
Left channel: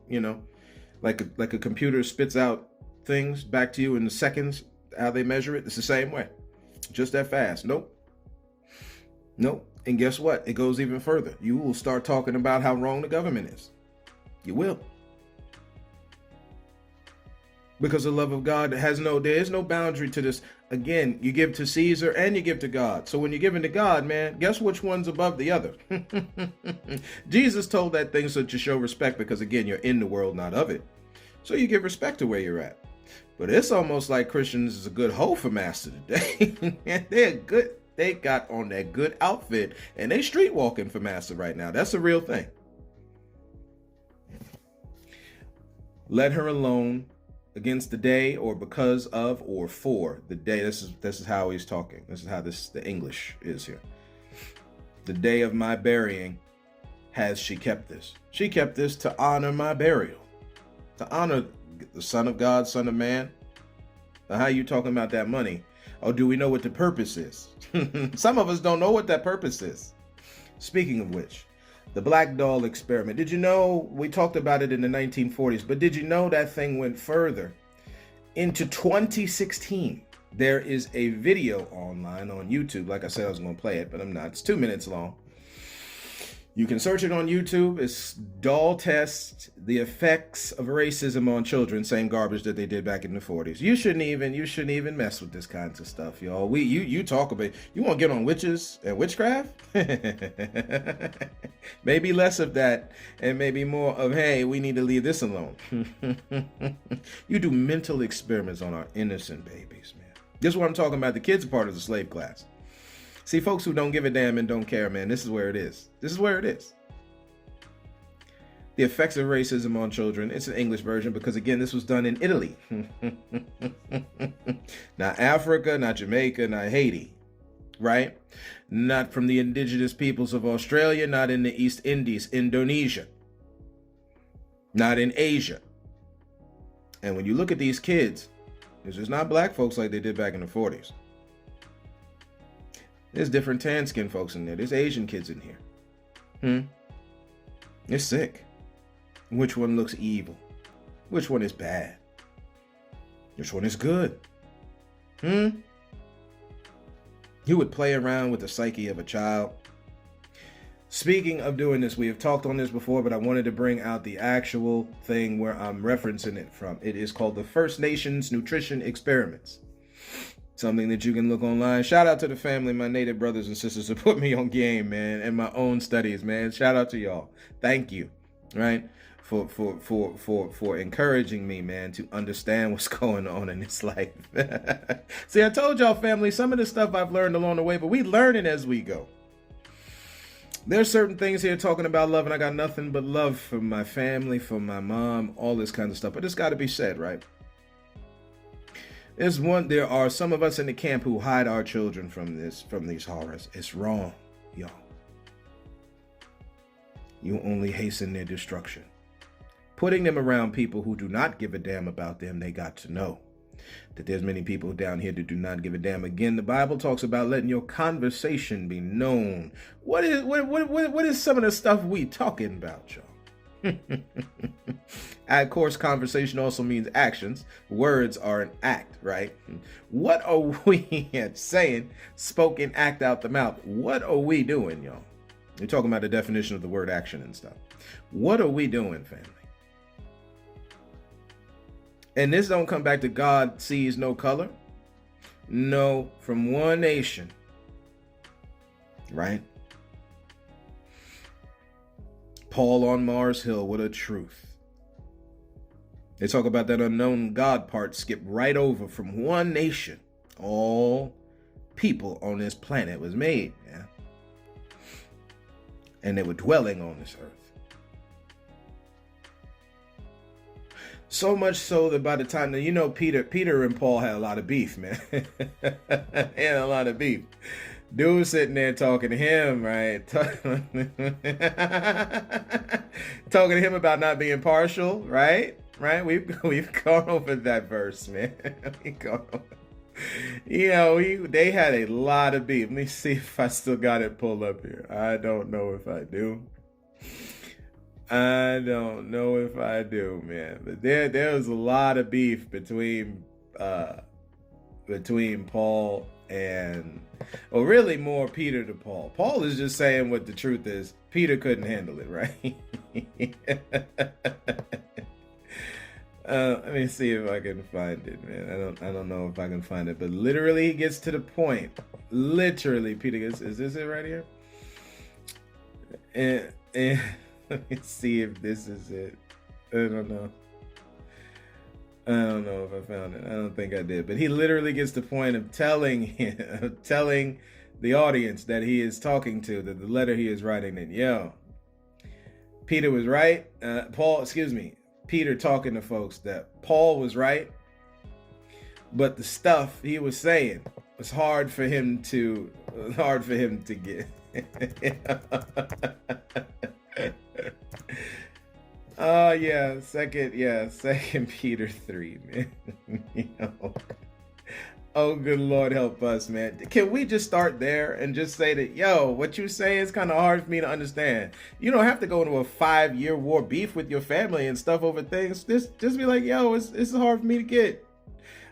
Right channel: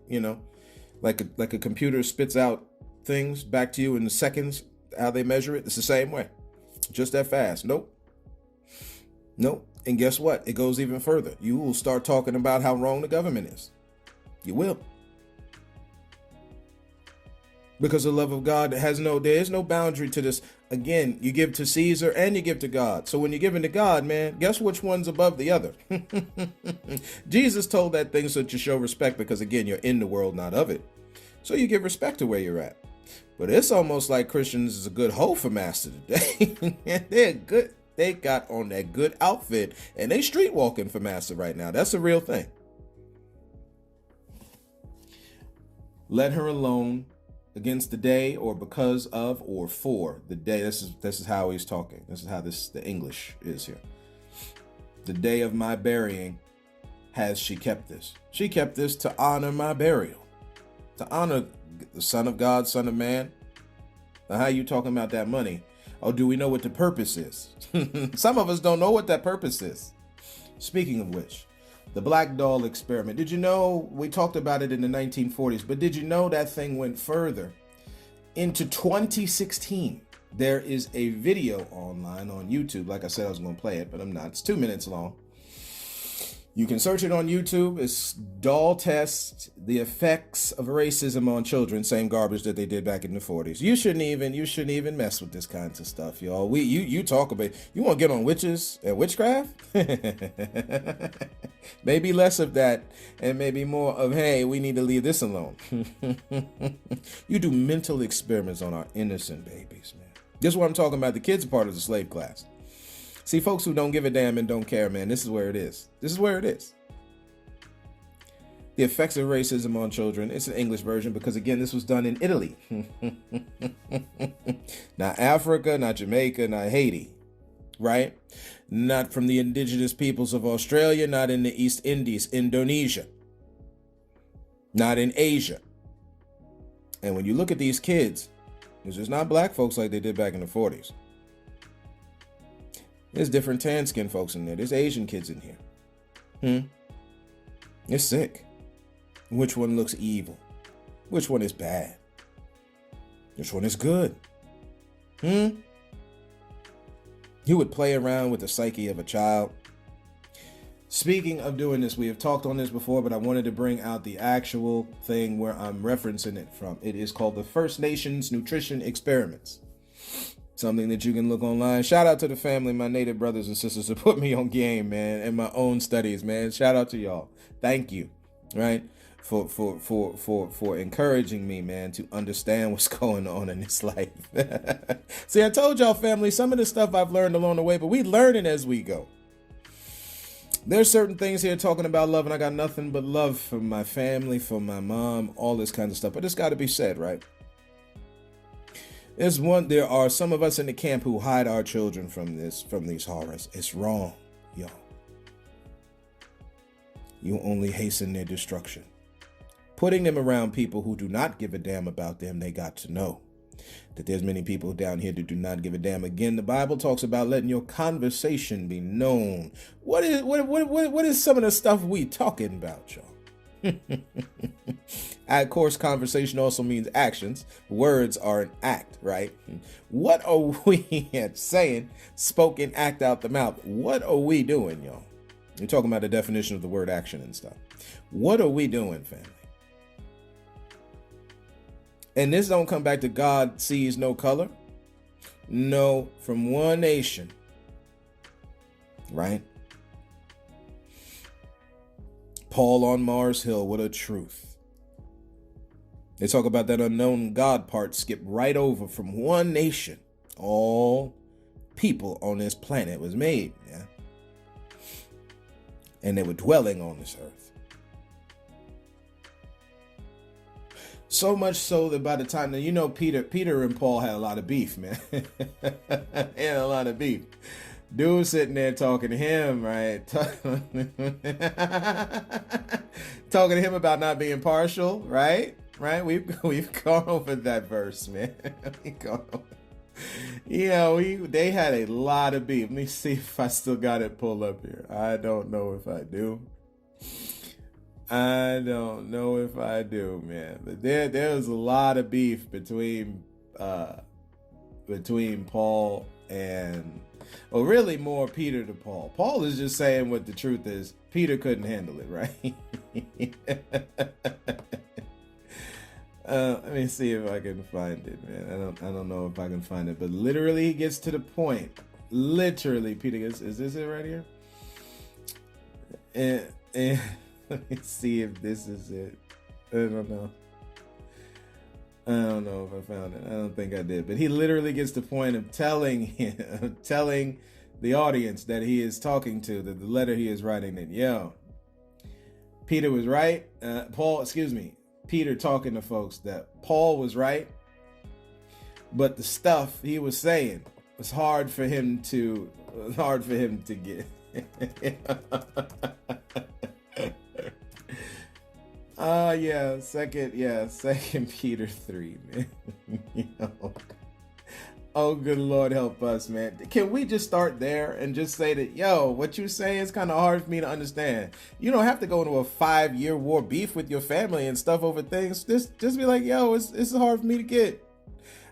like a computer spits out things back to you in seconds, how they measure it. It's the same way. Just that fast. Nope. And guess what? It goes even further. You will start talking about how wrong the government is. You will. Because the love of God there is no boundary to this. Again, you give to Caesar and you give to God. So when you're giving to God, man, guess which one's above the other? Jesus told that thing so to show respect, because again, you're in the world, not of it. So you give respect to where you're at. But it's almost like Christians is a good hoe for master today. They're good. They got on that good outfit and they street walking for master right now. That's a real thing. Let her alone against the day, or because of, or for the day. This is how he's talking. This is how the English is here. The day of my burying, has she kept this? She kept this to honor my burial, to honor the Son of God, Son of Man. Now, how you talking about that money? Or do we know what the purpose is? Some of us don't know what that purpose is. Speaking of which, the black doll experiment. Did you know, we talked about it in the 1940s, but did you know that thing went further? Into 2016, there is a video online on YouTube. Like I said, I was going to play it, but I'm not. It's 2 minutes long. You can search it on YouTube. It's Doll Test, the Effects of Racism on Children. Same garbage that they did back in the 40s. You shouldn't even mess with this kinds of stuff, y'all. You talk about, you want to get on witches and witchcraft? Maybe less of that and maybe more of, hey, we need to leave this alone. You do mental experiments on our innocent babies, man. This is what I'm talking about. The kids are part of the slave class. See, folks who don't give a damn and don't care, man, this is where it is. This is where it is. The Effects of Racism on Children. It's an English version because, again, this was done in Italy. Not Africa, not Jamaica, not Haiti, right? Not from the indigenous peoples of Australia, not in the East Indies, Indonesia, not in Asia. And when you look at these kids, this is not black folks like they did back in the 40s. There's different tan-skinned folks in there. There's Asian kids in here. It's sick. Which one looks evil? Which one is bad? Which one is good? You would play around with the psyche of a child. Speaking of doing this, we have talked on this before, but I wanted to bring out the actual thing where I'm referencing it from. It is called the First Nations Nutrition Experiments. Something that you can look online. Shout out to the family, my native brothers and sisters who put me on game, man, and my own studies, man. Shout out to y'all. Thank you, right, for encouraging me, man, to understand what's going on in this life. See, I told y'all, family, some of the stuff I've learned along the way, but we learn it as we go. There's certain things here talking about love, and I got nothing but love for my family, for my mom, all this kind of stuff. But it's got to be said, right? There are some of us in the camp who hide our children from these horrors. It's wrong, y'all. You only hasten their destruction. Putting them around people who do not give a damn about them, they got to know that there's many people down here that do not give a damn. Again, the Bible talks about letting your conversation be known. What is some of the stuff we talking about, y'all? Of course, conversation also means actions. Words are an act, right? What are we saying? Spoken act out the mouth. What are we doing, y'all? We're talking about the definition of the word action and stuff. What are we doing, family? And this don't come back to God sees no color. No, from one nation, right? Paul on Mars Hill, what a truth. They talk about that unknown God part, skip right over from one nation. All people on this planet was made, man. And they were dwelling on this earth. So much so that by the time that, you know, Peter and Paul had a lot of beef, man. They had a lot of beef. Dude sitting there talking to him, right? Talking to him about not being partial, right? Right? We've gone over that verse, man. They had a lot of beef. Let me see if I still got it pulled up here. I don't know if I do. Man. But there was a lot of beef between Paul and, well, really more Peter to Paul. Paul is just saying what the truth is. Peter couldn't handle it, right? Let me see if I can find it, man. I don't know if I can find it, but literally he gets to the point. Literally, Peter gets, is this it right here? And let me see if this is it. I don't know if I found it. I don't think I did. But he literally gets the point of telling the audience that he is talking to, that the letter he is writing in. Yo, Peter was right. Peter talking to folks that Paul was right. But the stuff he was saying was hard for him to get. Second Peter 3, man. You know. Oh, good Lord, help us, man. Can we just start there and just say that, yo, what you say is kind of hard for me to understand. You don't have to go into a 5-year war beef with your family and stuff over things. Just be like, yo, it's hard for me to get.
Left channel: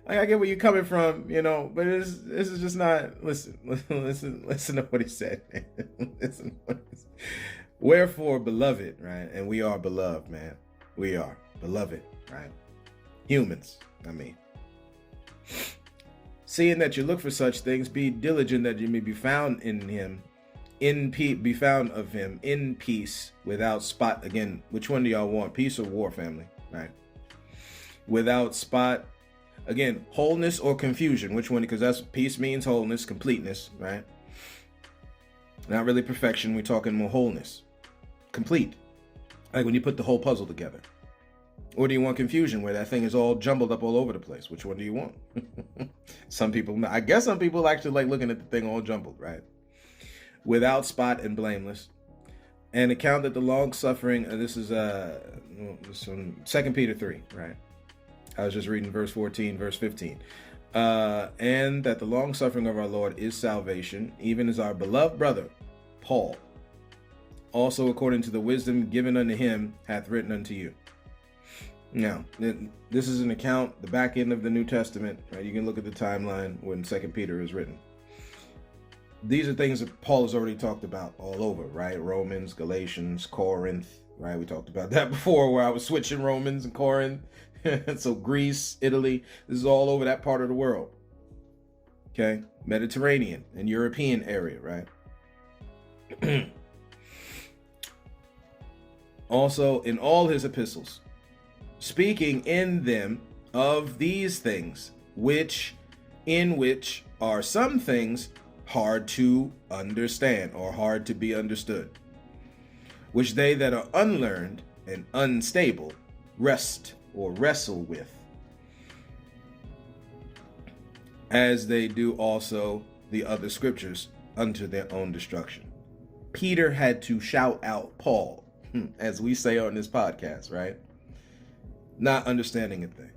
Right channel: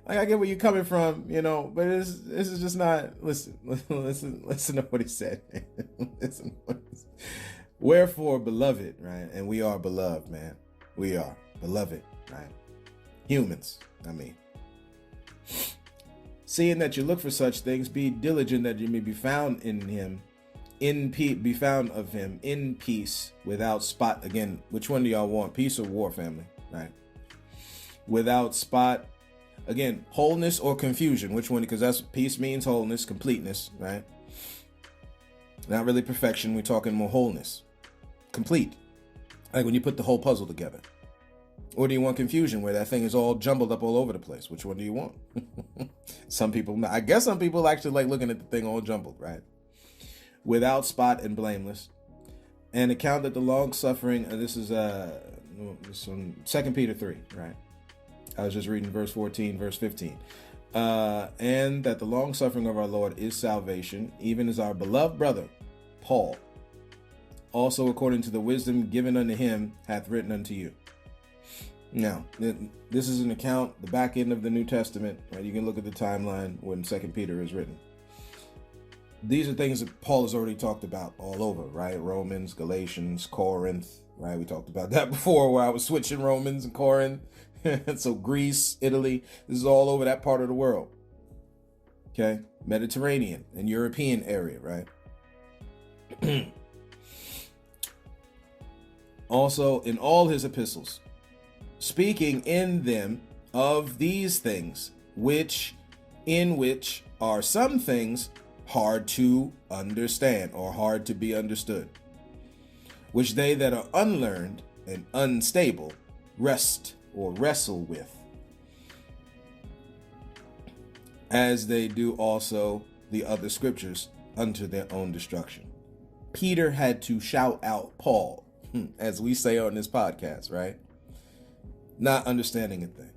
Like, I get where you're coming from, you know, but this is just not. Listen to what he said, man. Listen to what he said. Wherefore, beloved, right? And we are beloved, man. We are beloved, right? Humans, I mean. Seeing that you look for such things, be diligent that you may be found in him, be found of him in peace, without spot. Again, which one do y'all want? Peace or war, family? Right? Without spot. Again, wholeness or confusion. Which one? Because that's peace means wholeness, completeness, right? Not really perfection. We're talking more wholeness, complete. Like when you put the whole puzzle together. Or do you want confusion where that thing is all jumbled up all over the place? Which one do you want? I guess some people actually like looking at the thing all jumbled, right? Without spot and blameless. And account that the long suffering, this is from 2 Peter 3, right? I was just reading verse 14, verse 15. And that the long suffering of our Lord is salvation, even as our beloved brother, Paul, also according to the wisdom given unto him, hath written unto you. Now, this is an account, the back end of the New Testament. Right? You can look at the timeline when 2 Peter is written. These are things that Paul has already talked about all over, right? Romans, Galatians, Corinth, right? We talked about that before where I was switching Romans and Corinth. So Greece, Italy, this is all over that part of the world. Okay? Mediterranean and European area, right? Also, in all his epistles, speaking in them of these things, in which are some things hard to understand or hard to be understood, which they that are unlearned and unstable wrestle with, as they do also the other scriptures unto their own destruction. Peter had to shout out Paul, as we say on this podcast, right? Not understanding a thing.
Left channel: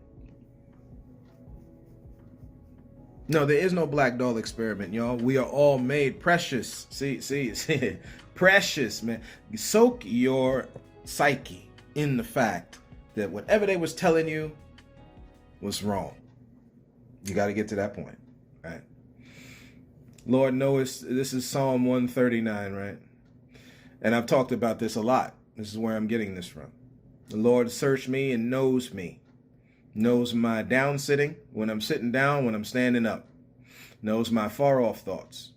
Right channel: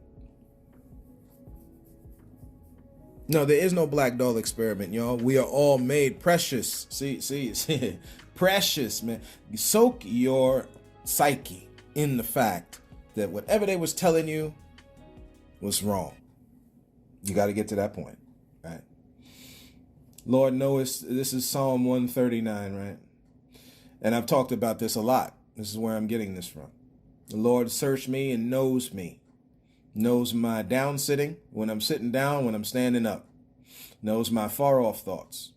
No, there is no black doll experiment, y'all. We are all made precious. See, precious, man. Soak your psyche in the fact that whatever they was telling you was wrong. You got to get to that point, right? Lord knows, this is Psalm 139, right? And I've talked about this a lot. This is where I'm getting this from. The Lord searched me and knows me. Knows my down sitting, when I'm sitting down, when I'm standing up. Knows my far off thoughts.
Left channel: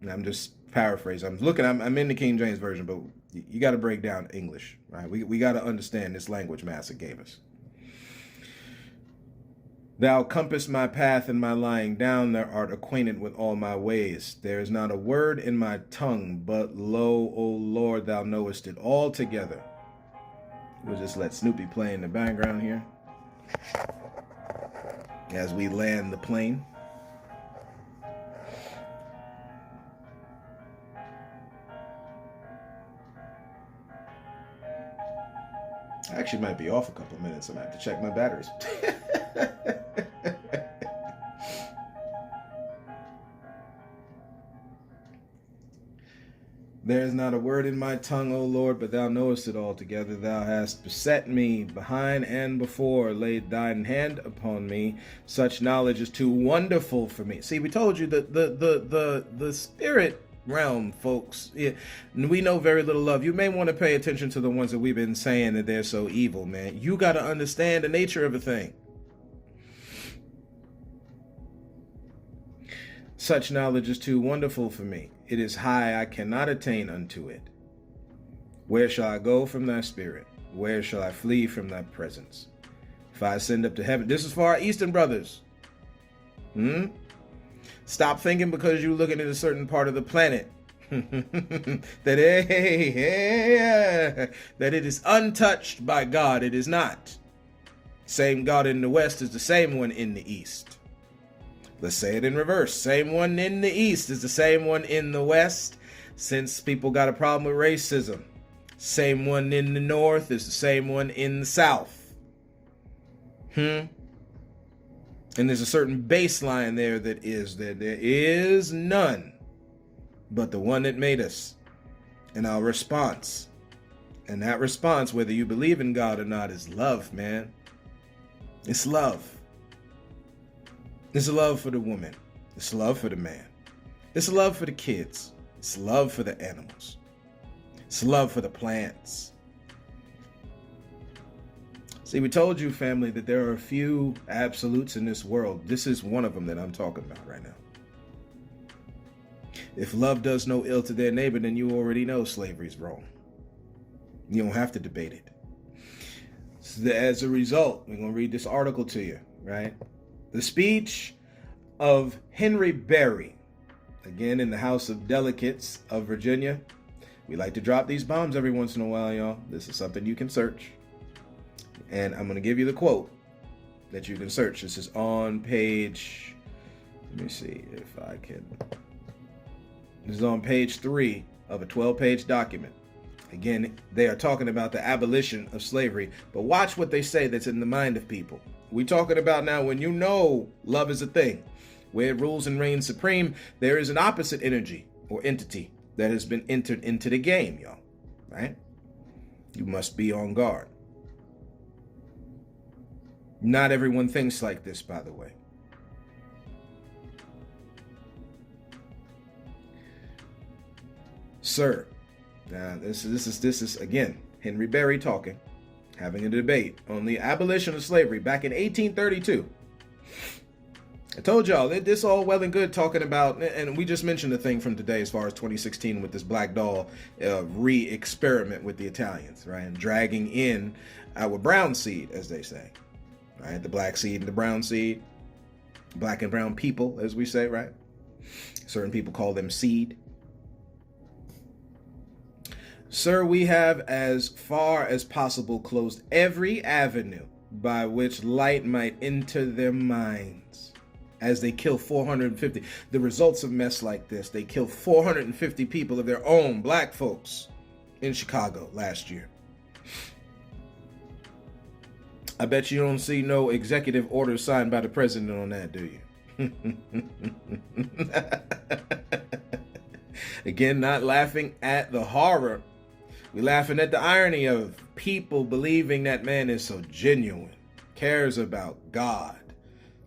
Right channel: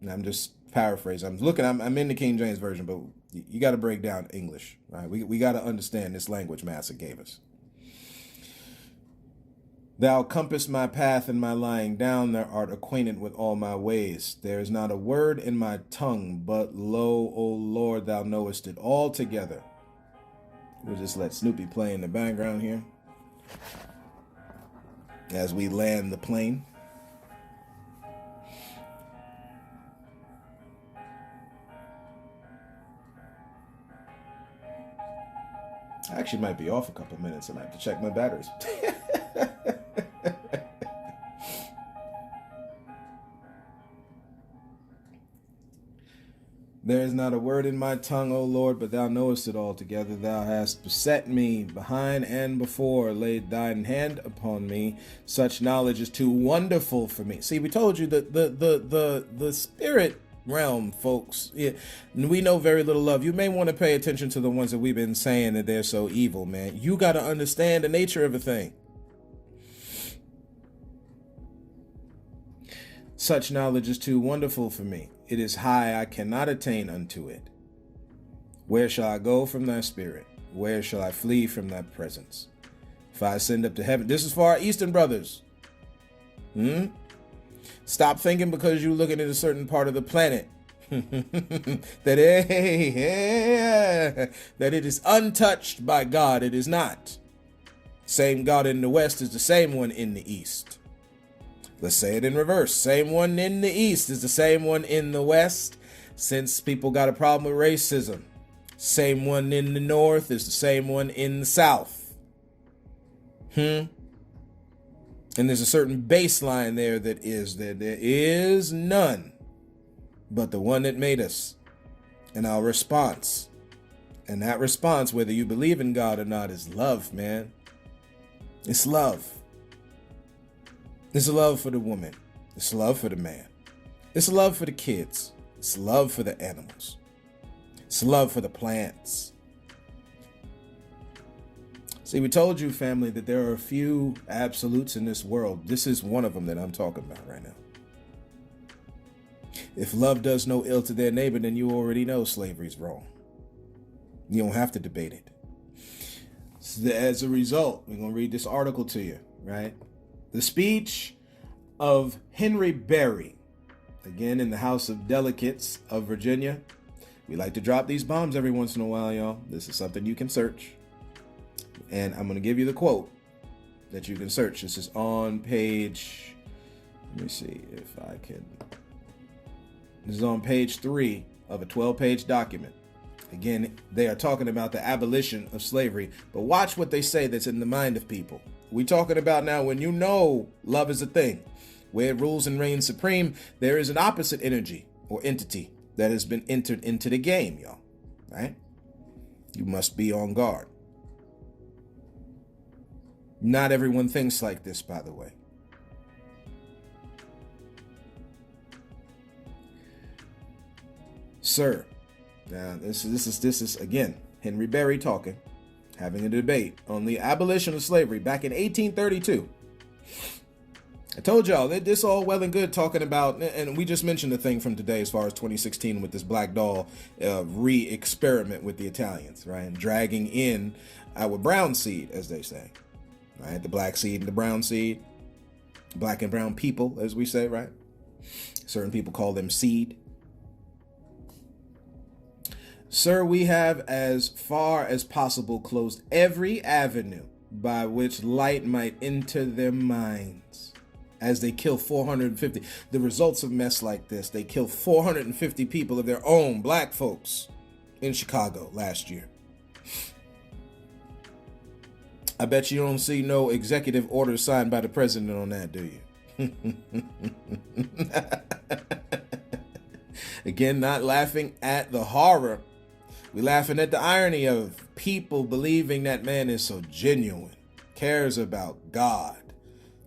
And I'm just paraphrasing. I'm in the King James Version, but you got to break down English, right? We got to understand this language Master gave us. Thou compass my path and my lying down. Thou art acquainted with all my ways. There is not a word in my tongue, but lo, O Lord, thou knowest it altogether. We'll just let Snoopy play in the background here as we land the plane. I actually might be off a couple of minutes. I might have to check my batteries. There is not a word in my tongue, O Lord, but thou knowest it altogether. Thou hast beset me behind and before, laid thine hand upon me. Such knowledge is too wonderful for me. See, we told you that the spirit realm, folks, we know very little of. You may want to pay attention to the ones that we've been saying that they're so evil, man. You got to understand the nature of a thing. Such knowledge is too wonderful for me. It is high, I cannot attain unto it. Where shall I go from thy spirit? Where shall I flee from thy presence? If I ascend up to heaven, this is for our Eastern brothers. Stop thinking because you're looking at a certain part of the planet that it is untouched by God. It is not. Same God in the West is the same one in the East. Let's say it in reverse. Same one in the East is the same one in the West. Since people got a problem with racism, Same one in the north is the same one in the south. And there's a certain baseline there that there is none but the one that made us, and our response. And that response, whether you believe in God or not, is love, man. It's love. It's love for the woman. It's love for the man. It's love for the kids. It's love for the animals. It's love for the plants. See, we told you, family, that there are a few absolutes in this world. This is one of them that I'm talking about right now. If love does no ill to their neighbor, then you already know slavery's wrong. You don't have to debate it. So as a result, we're going to read this article to you, right? The speech of Henry Berry, again in the House of Delegates of Virginia. We like to drop these bombs every once in a while, y'all. This is something you can search. And I'm going to give you the quote that you can search. This is on page, let me see if I can. This is on page 3 of a 12-page document. Again, they are talking about the abolition of slavery, but watch what they say that's in the mind of people. We're talking about now when you know love is a thing, where it rules and reigns supreme, there is an opposite energy or entity that has been entered into the game, y'all, right? You must be on guard. Not everyone thinks like this, by the way. Sir, now this is again Henry Berry talking, having a debate on the abolition of slavery back in 1832. I told y'all that this all well and good talking about, and we just mentioned the thing from today as far as 2016 with this black doll re-experiment with the Italians, right? And dragging in our brown seed, as they say, right? The black seed and the brown seed, black and brown people, as we say, right? Certain people call them seed. Sir, we have as far as possible closed every avenue by which light might enter their minds as they kill 450. The results of mess like this, they kill 450 people of their own black folks in Chicago last year. I bet you don't see no executive order signed by the president on that, do you? Again, not laughing at the horror. We're laughing at the irony of people believing that man is so genuine, cares about God,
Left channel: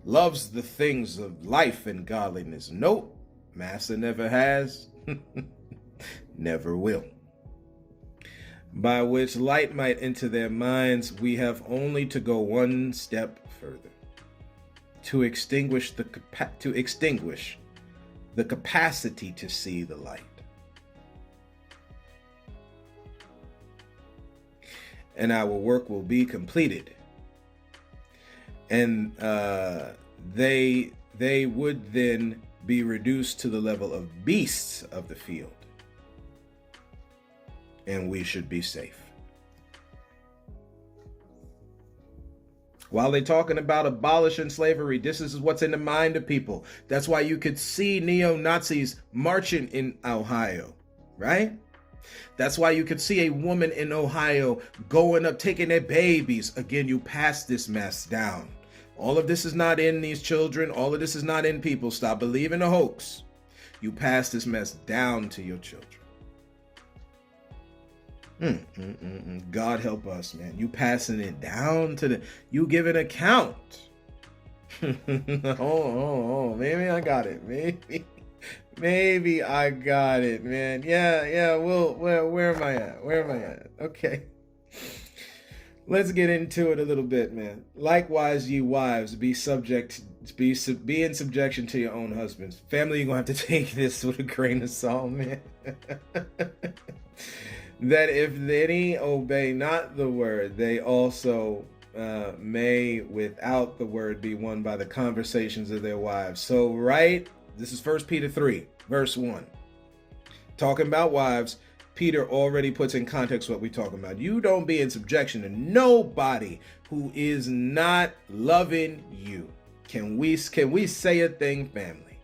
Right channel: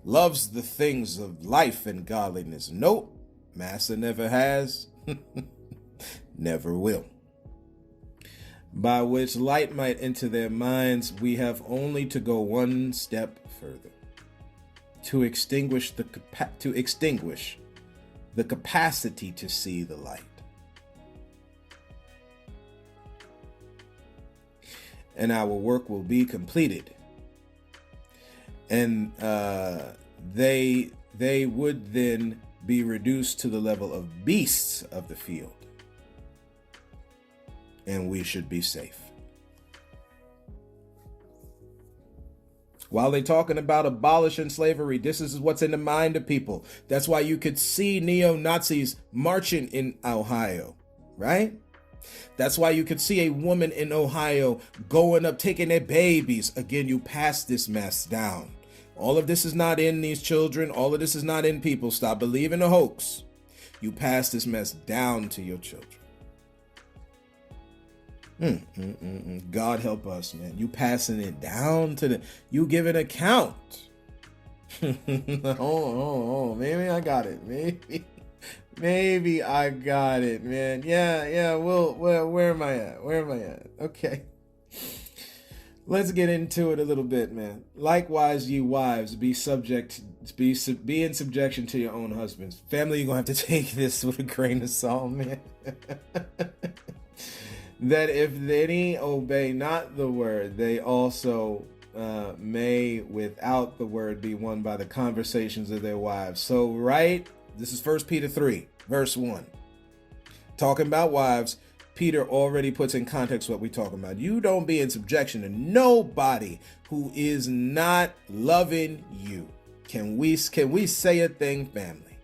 loves the things of life and godliness. Nope, Master never has, never will. By which light might enter their minds, we have only to go one step further, to extinguish the capacity to see the light. And our work will be completed. And they would then be reduced to the level of beasts of the field. And we should be safe. While they're talking about abolishing slavery, this is what's in the mind of people. That's why you could see neo-Nazis marching in Ohio, right? That's why you could see a woman in Ohio going up, taking their babies. Again, you pass this mess down. All of this is not in these children. All of this is not in people. Stop believing the hoax. You pass this mess down to your children. God help us, man. You passing it down to them. You give an account. Oh, maybe I got it. Maybe I got it, man. Yeah. Well, where am I at? Okay. Let's get into it a little bit, man. Likewise, ye wives, be in subjection to your own husbands. Family, you're gonna have to take this with a grain of salt, man. That if any obey not the word, they also may without the word be won by the conversations of their wives. So, right, this is 1 Peter 3, verse 1. Talking about wives, Peter already puts in context what we're talking about. You don't be in subjection to nobody who is not loving you. Can we say a thing, family?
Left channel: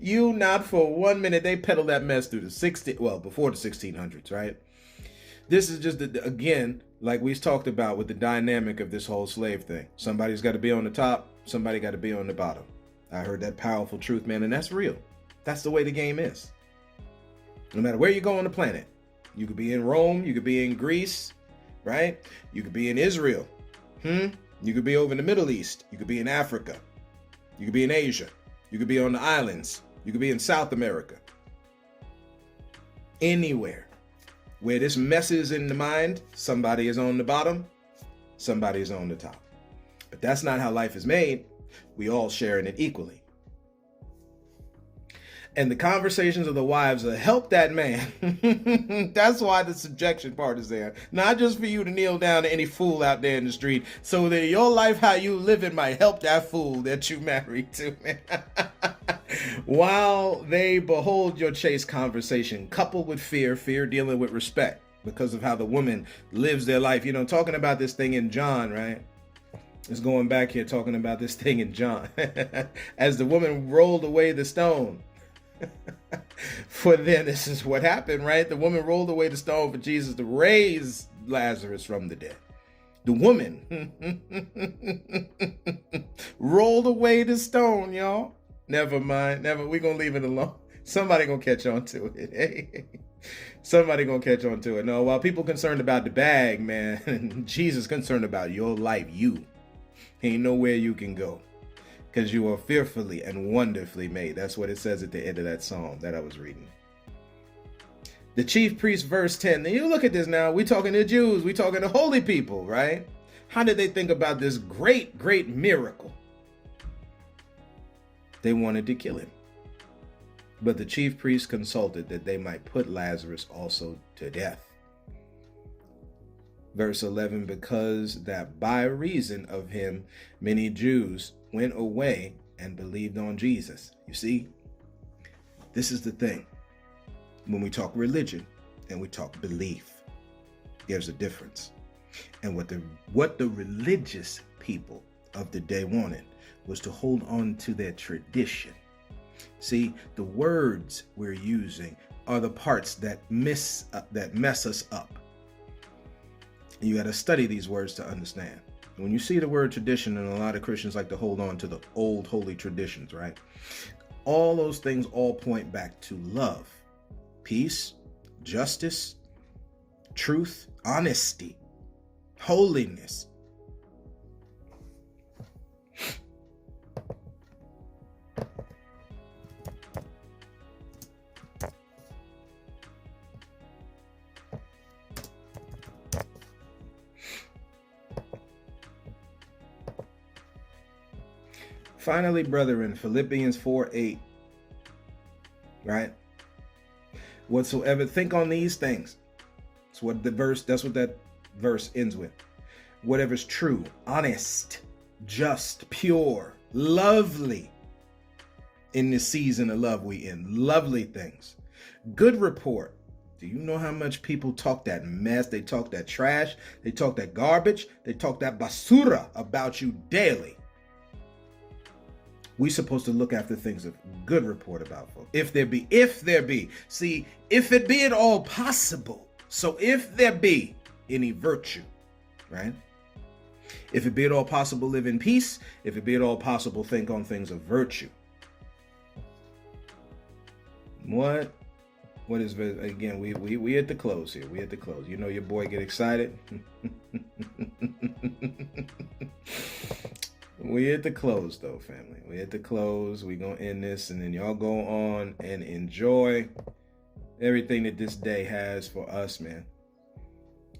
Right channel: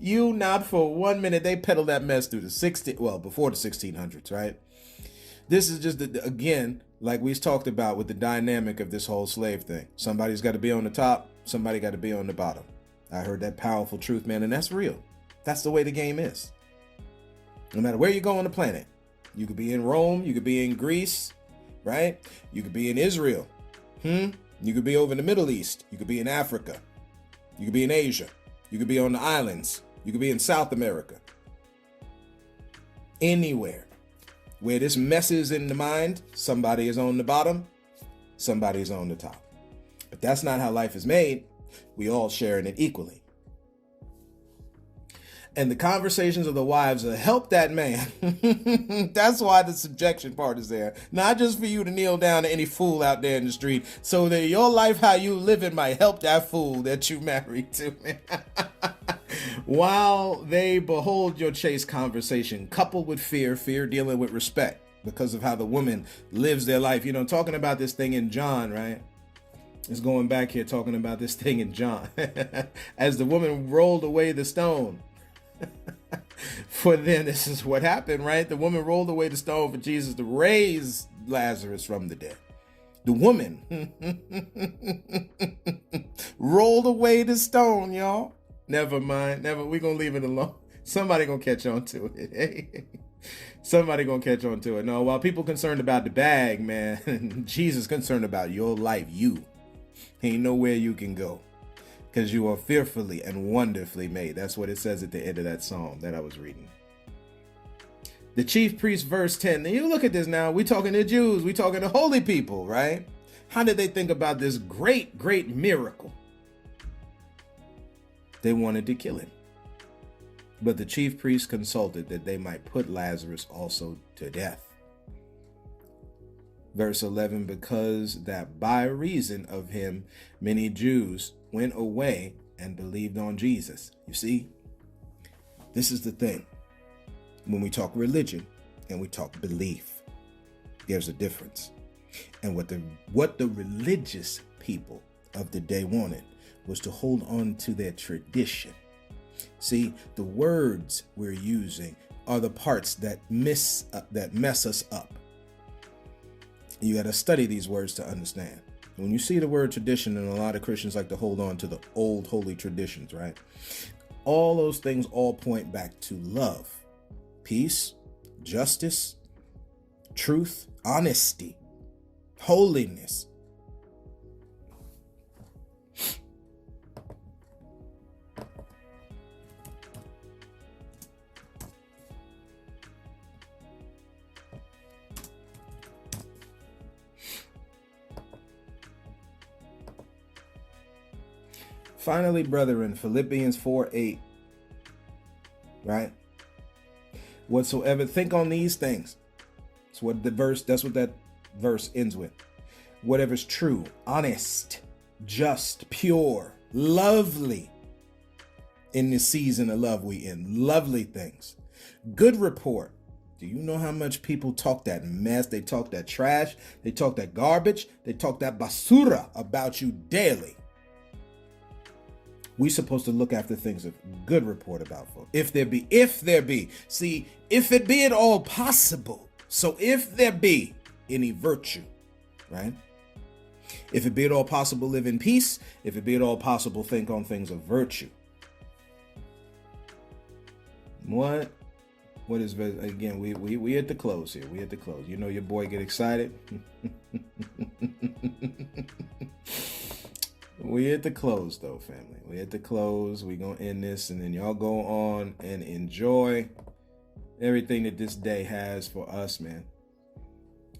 You not for 1 minute. They peddle that mess through before the 1600s, right? This is just, again, like we talked about with the dynamic of this whole slave thing. Somebody's got to be on the top. Somebody got to be on the bottom. I heard that powerful truth, man, and that's real. That's the way the game is. No matter where you go on the planet, you could be in Rome, you could be in Greece, right? You could be in Israel. You could be over in the Middle East. You could be in Africa. You could be in Asia. You could be on the islands. You could be in South America. Anywhere where this messes in the mind, somebody is on the bottom, somebody is on the top. But that's not how life is made. We all share in it equally. And the conversations of the wives will help that man. That's why the subjection part is there. Not just for you to kneel down to any fool out there in the street, so that your life, how you live it, might help that fool that you married to. While they behold your chaste conversation, coupled with fear dealing with respect because of how the woman lives their life. You know, talking about this thing in John, right? It's going back here talking about this thing in John. As the woman rolled away the stone. For then, this is what happened, right? The woman rolled away the stone for Jesus to raise Lazarus from the dead. The woman rolled away the stone, y'all. Never mind. We're going to leave it alone. Somebody going to catch on to it. Somebody going to catch on to it. No, while people concerned about the bag, man, Jesus concerned about your life. You. Ain't nowhere you can go. Because you are fearfully and wonderfully made. That's what it says at the end of that psalm that I was reading. The chief priest, verse 10. Now you look at this now. We're talking to Jews. We're talking to holy people, right? How did they think about this great, great miracle? They wanted to kill him. But the chief priest consulted that they might put Lazarus also to death. Verse 11, because that by reason of him, many Jews went away and believed on Jesus. You see, this is the thing. When we talk religion and we talk belief, there's a difference. And what the religious people of the day wanted was to hold on to their tradition. See, the words we're using are the parts that mess us up. You got to study these words to understand. When you see the word tradition, and a lot of Christians like to hold on to the old holy traditions, right? All those things all point back to love, peace, justice, truth, honesty, holiness. Finally, brethren, Philippians 4:8, right? Whatsoever, think on these things. That's what that verse ends with. Whatever's true, honest, just, pure, lovely. In this season of love we in, lovely things. Good report. Do you know how much people talk that mess? They talk that trash. They talk that garbage. They talk that basura about you daily. We're supposed to look after things of good report about folks. If there be. See, if it be at all possible. So if there be any virtue, right? If it be at all possible, live in peace. If it be at all possible, think on things of virtue. What is, again, we at the close here. We at the close. You know your boy get excited. We at the close, though, family. We at the close. We gonna end this, and then y'all go on and enjoy everything that this day has for us, man.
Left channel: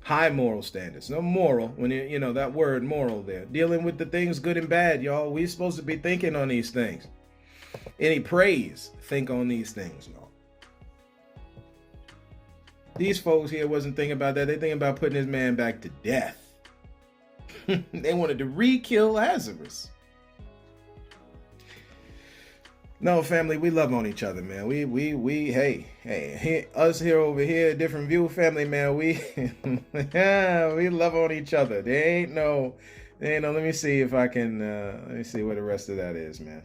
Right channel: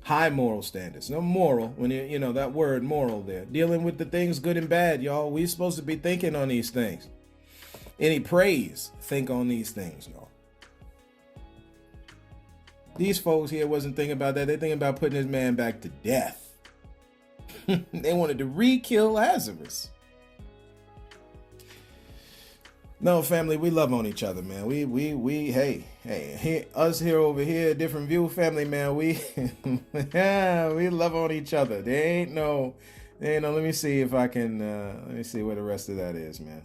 High moral standards. No moral, when you know that word moral there. Dealing with the things good and bad, y'all. We supposed to be thinking on these things. Any praise, think on these things, y'all. These folks here wasn't thinking about that. They thinking about putting this man back to death. They wanted to re-kill Lazarus. No, family, we love on each other, man. Hey, us here over here, different view, family, man. We love on each other. There ain't no You know, let me see if I can, let me see what the rest of that is, man.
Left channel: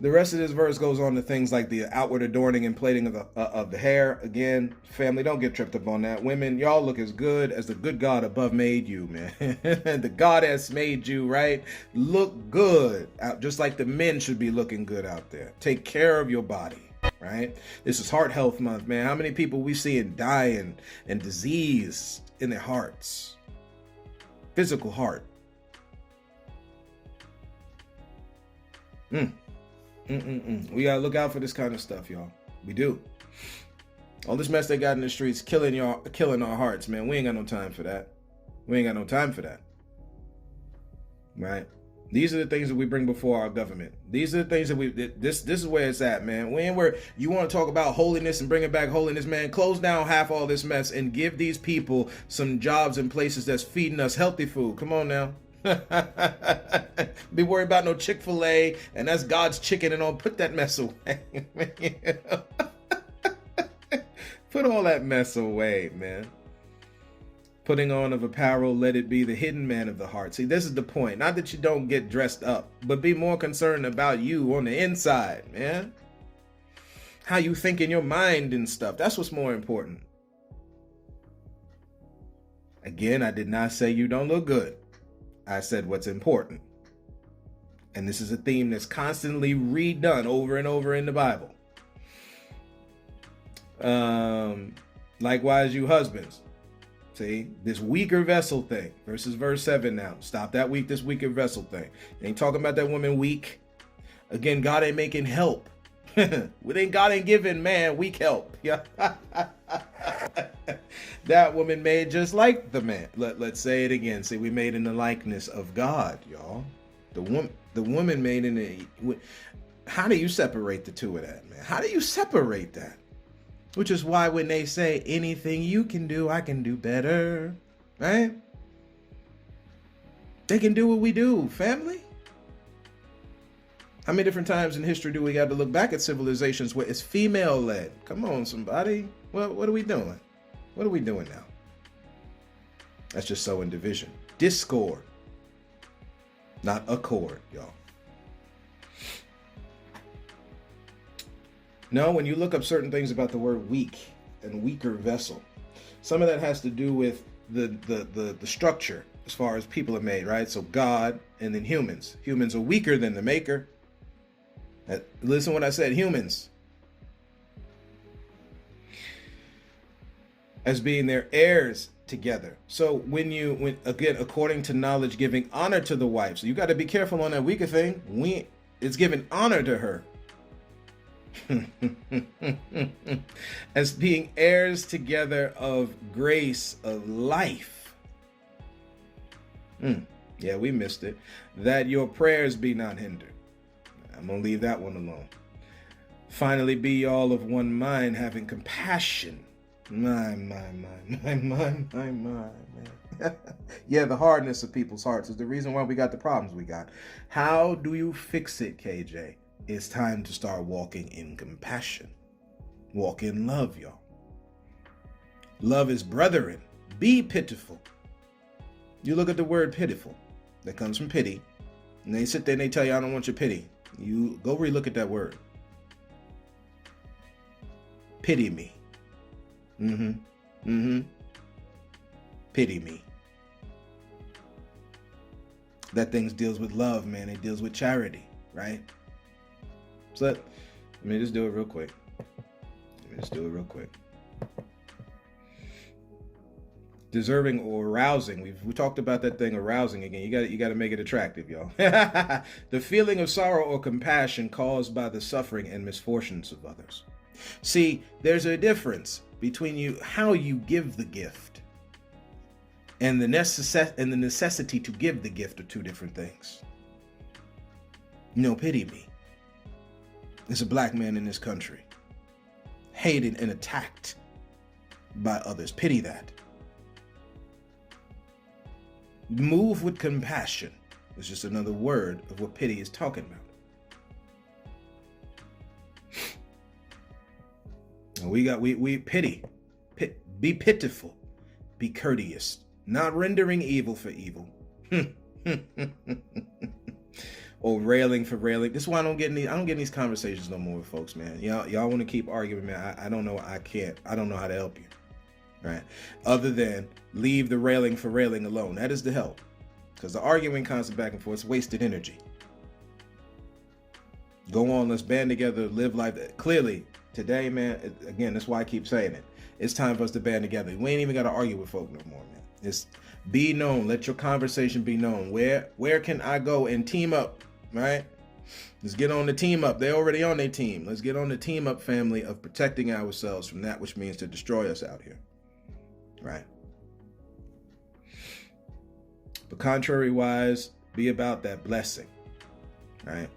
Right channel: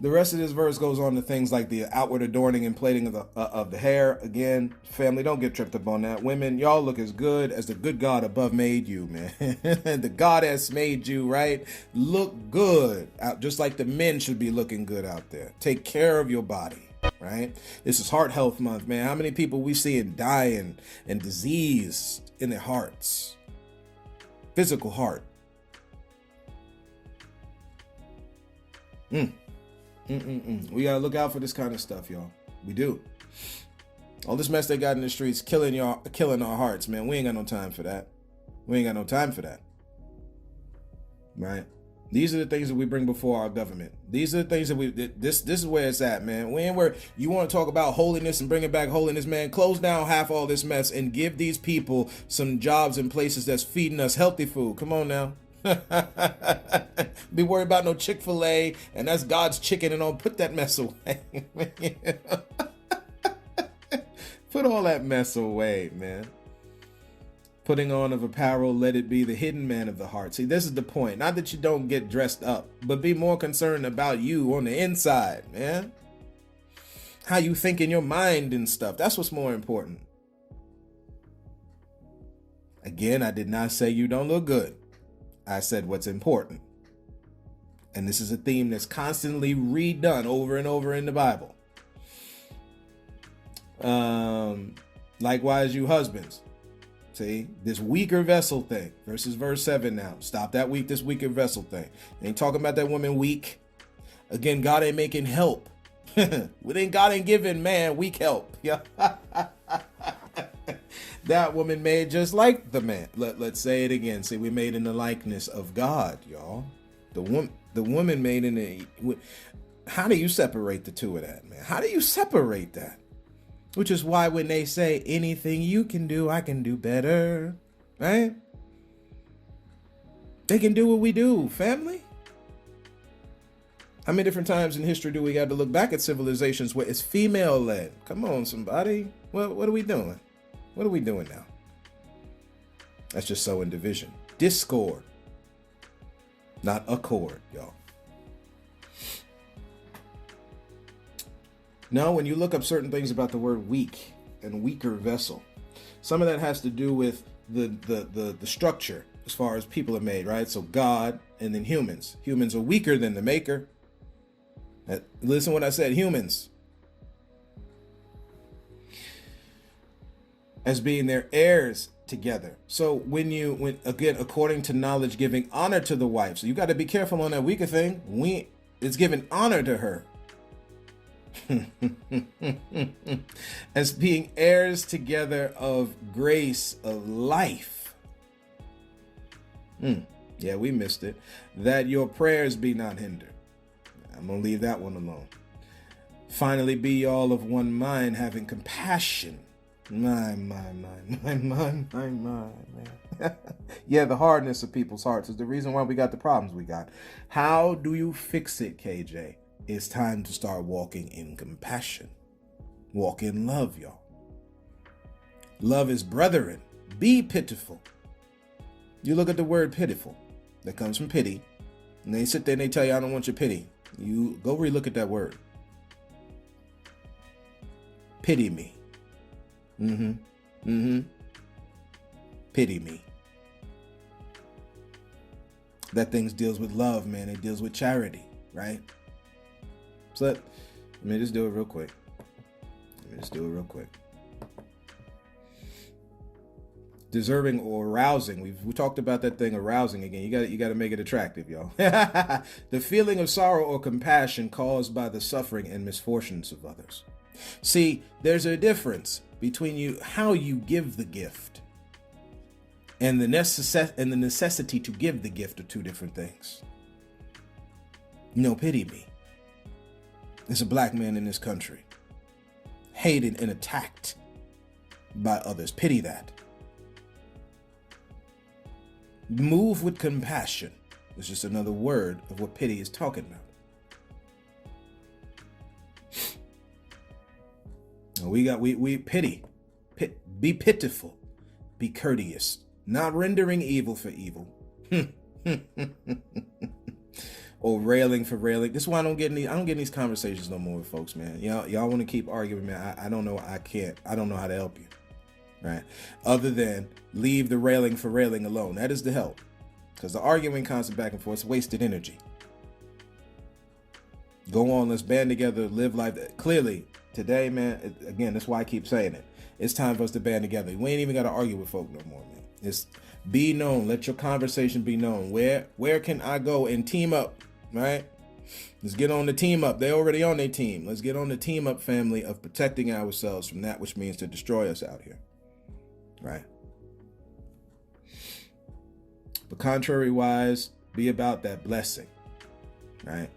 The rest of this verse goes on to things like the outward adorning and plaiting of the hair. Again, family, don't get tripped up on that. Women, y'all look as good as the good God above made you, man. The God has made you, right? Look good, just like the men should be looking good out there. Take care of your body, right? This is Heart Health Month, man. How many people we seeing dying and disease in their hearts? Physical heart. We gotta look out for this kind of stuff, y'all. We do. All this mess they got in the streets killing our hearts, man. We ain't got no time for that. We ain't got no time for that. Right? These are the things that we bring before our government. These are the things that this is where it's at, man. We ain't where you want to talk about holiness and bringing back holiness, man. Close down half all this mess and give these people some jobs and places that's feeding us healthy food. Come on now. Be worried about no Chick-fil-A and that's God's chicken and all. Put that mess away. Put all that mess away, man. Putting on of apparel, let it be the hidden man of the heart. See, this is the point. Not that you don't get dressed up, but be more concerned about you on the inside, man. How you think in your mind and stuff. That's what's more important. Again, I did not say you don't look good. I said what's important. And this is a theme that's constantly redone over and over in the Bible. Likewise, you husbands. See, this weaker vessel thing versus verse 7 now. Stop that this weaker vessel thing. Ain't talking about that woman weak. Again, God ain't making help. God ain't giving man weak help. Yeah. That woman made just like the man. Let's say it again. See, we made in the likeness of God, y'all. The woman made in the... How do you separate the two of that, man? How do you separate that? Which is why when they say anything you can do, I can do better, right? They can do what we do, family. How many different times in history do we got to look back at civilizations where it's female-led? Come on, somebody. What are we doing? What are we doing now? That's just sowing division. Discord. Not accord, y'all. No, when you look up certain things about the word weak and weaker vessel, some of that has to do with the structure as far as people are made, right? So God and then humans. Humans are weaker than the maker. Listen what I said, humans. As being their heirs together. So when again, according to knowledge, giving honor to the wife. So you got to be careful on that weaker thing. It's giving honor to her. As being heirs together of grace, of life. Yeah, we missed it. That your prayers be not hindered. I'm going to leave that one alone. Finally, be all of one mind, having compassion. My. Yeah, the hardness of people's hearts is the reason why we got the problems we got. How do you fix it, KJ? It's time to start walking in compassion. Walk in love, y'all. Love is brethren. Be pitiful. You look at the word pitiful. That comes from pity. And they sit there and they tell you, I don't want your pity. You go relook at that word. Pity me. Pity me. That thing deals with love, man. It deals with charity, right? So let me just do it real quick. Deserving or arousing. We talked about that thing arousing again. You got to make it attractive, y'all. The feeling of sorrow or compassion caused by the suffering and misfortunes of others. See, there's a difference between how you give the gift and the necessity to give the gift are two different things. Pity me. There's a black man in this country, hated and attacked by others. Pity that. Move with compassion. It's just another word of what pity is talking about. We pity. Be pitiful. Be courteous. not rendering evil for evil. Or railing for railing. This is why I don't get in these conversations no more with folks, man. Y'all want to keep arguing, man. I don't know. I can't. I don't know how to help you. Right? Other than leave the railing for railing alone. That is the help. Because the arguing constant back and forth is wasted energy. Go on, let's band together, live life. Clearly, today, man, again, that's why I keep saying it. It's time for us to band together. We ain't even got to argue with folk no more, man. It's be known. Let your conversation be known. Where can I go and team up, right? Let's get on the team up. They're already on their team. Let's get on the team up family of protecting ourselves from that which means to destroy us out here, right? But contrary-wise, be about that blessing, right?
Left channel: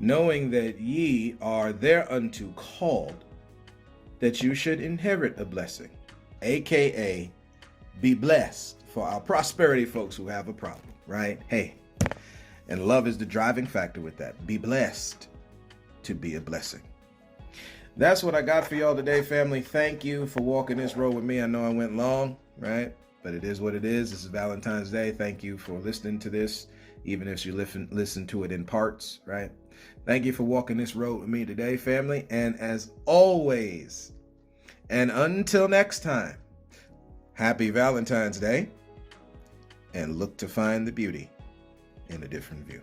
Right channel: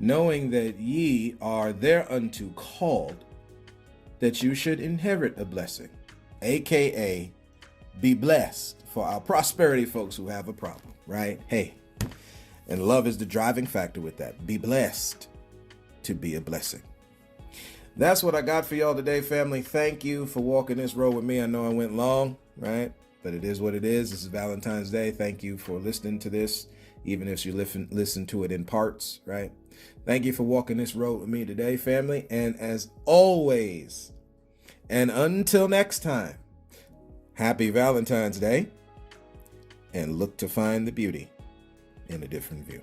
Knowing that ye are thereunto called, that you should inherit a blessing, aka be blessed. For our prosperity folks who have a problem, right? Hey, and love is the driving factor with that. Be blessed to be a blessing. That's what I got for y'all today, family. Thank you for walking this road with me. I know I went long, right? But it is what it is. This is Valentine's Day. Thank you for listening to this, even if you listen to it in parts, right? Thank you for walking this road with me today, family. And as always, and until next time, happy Valentine's Day, and look to find the beauty in a different view.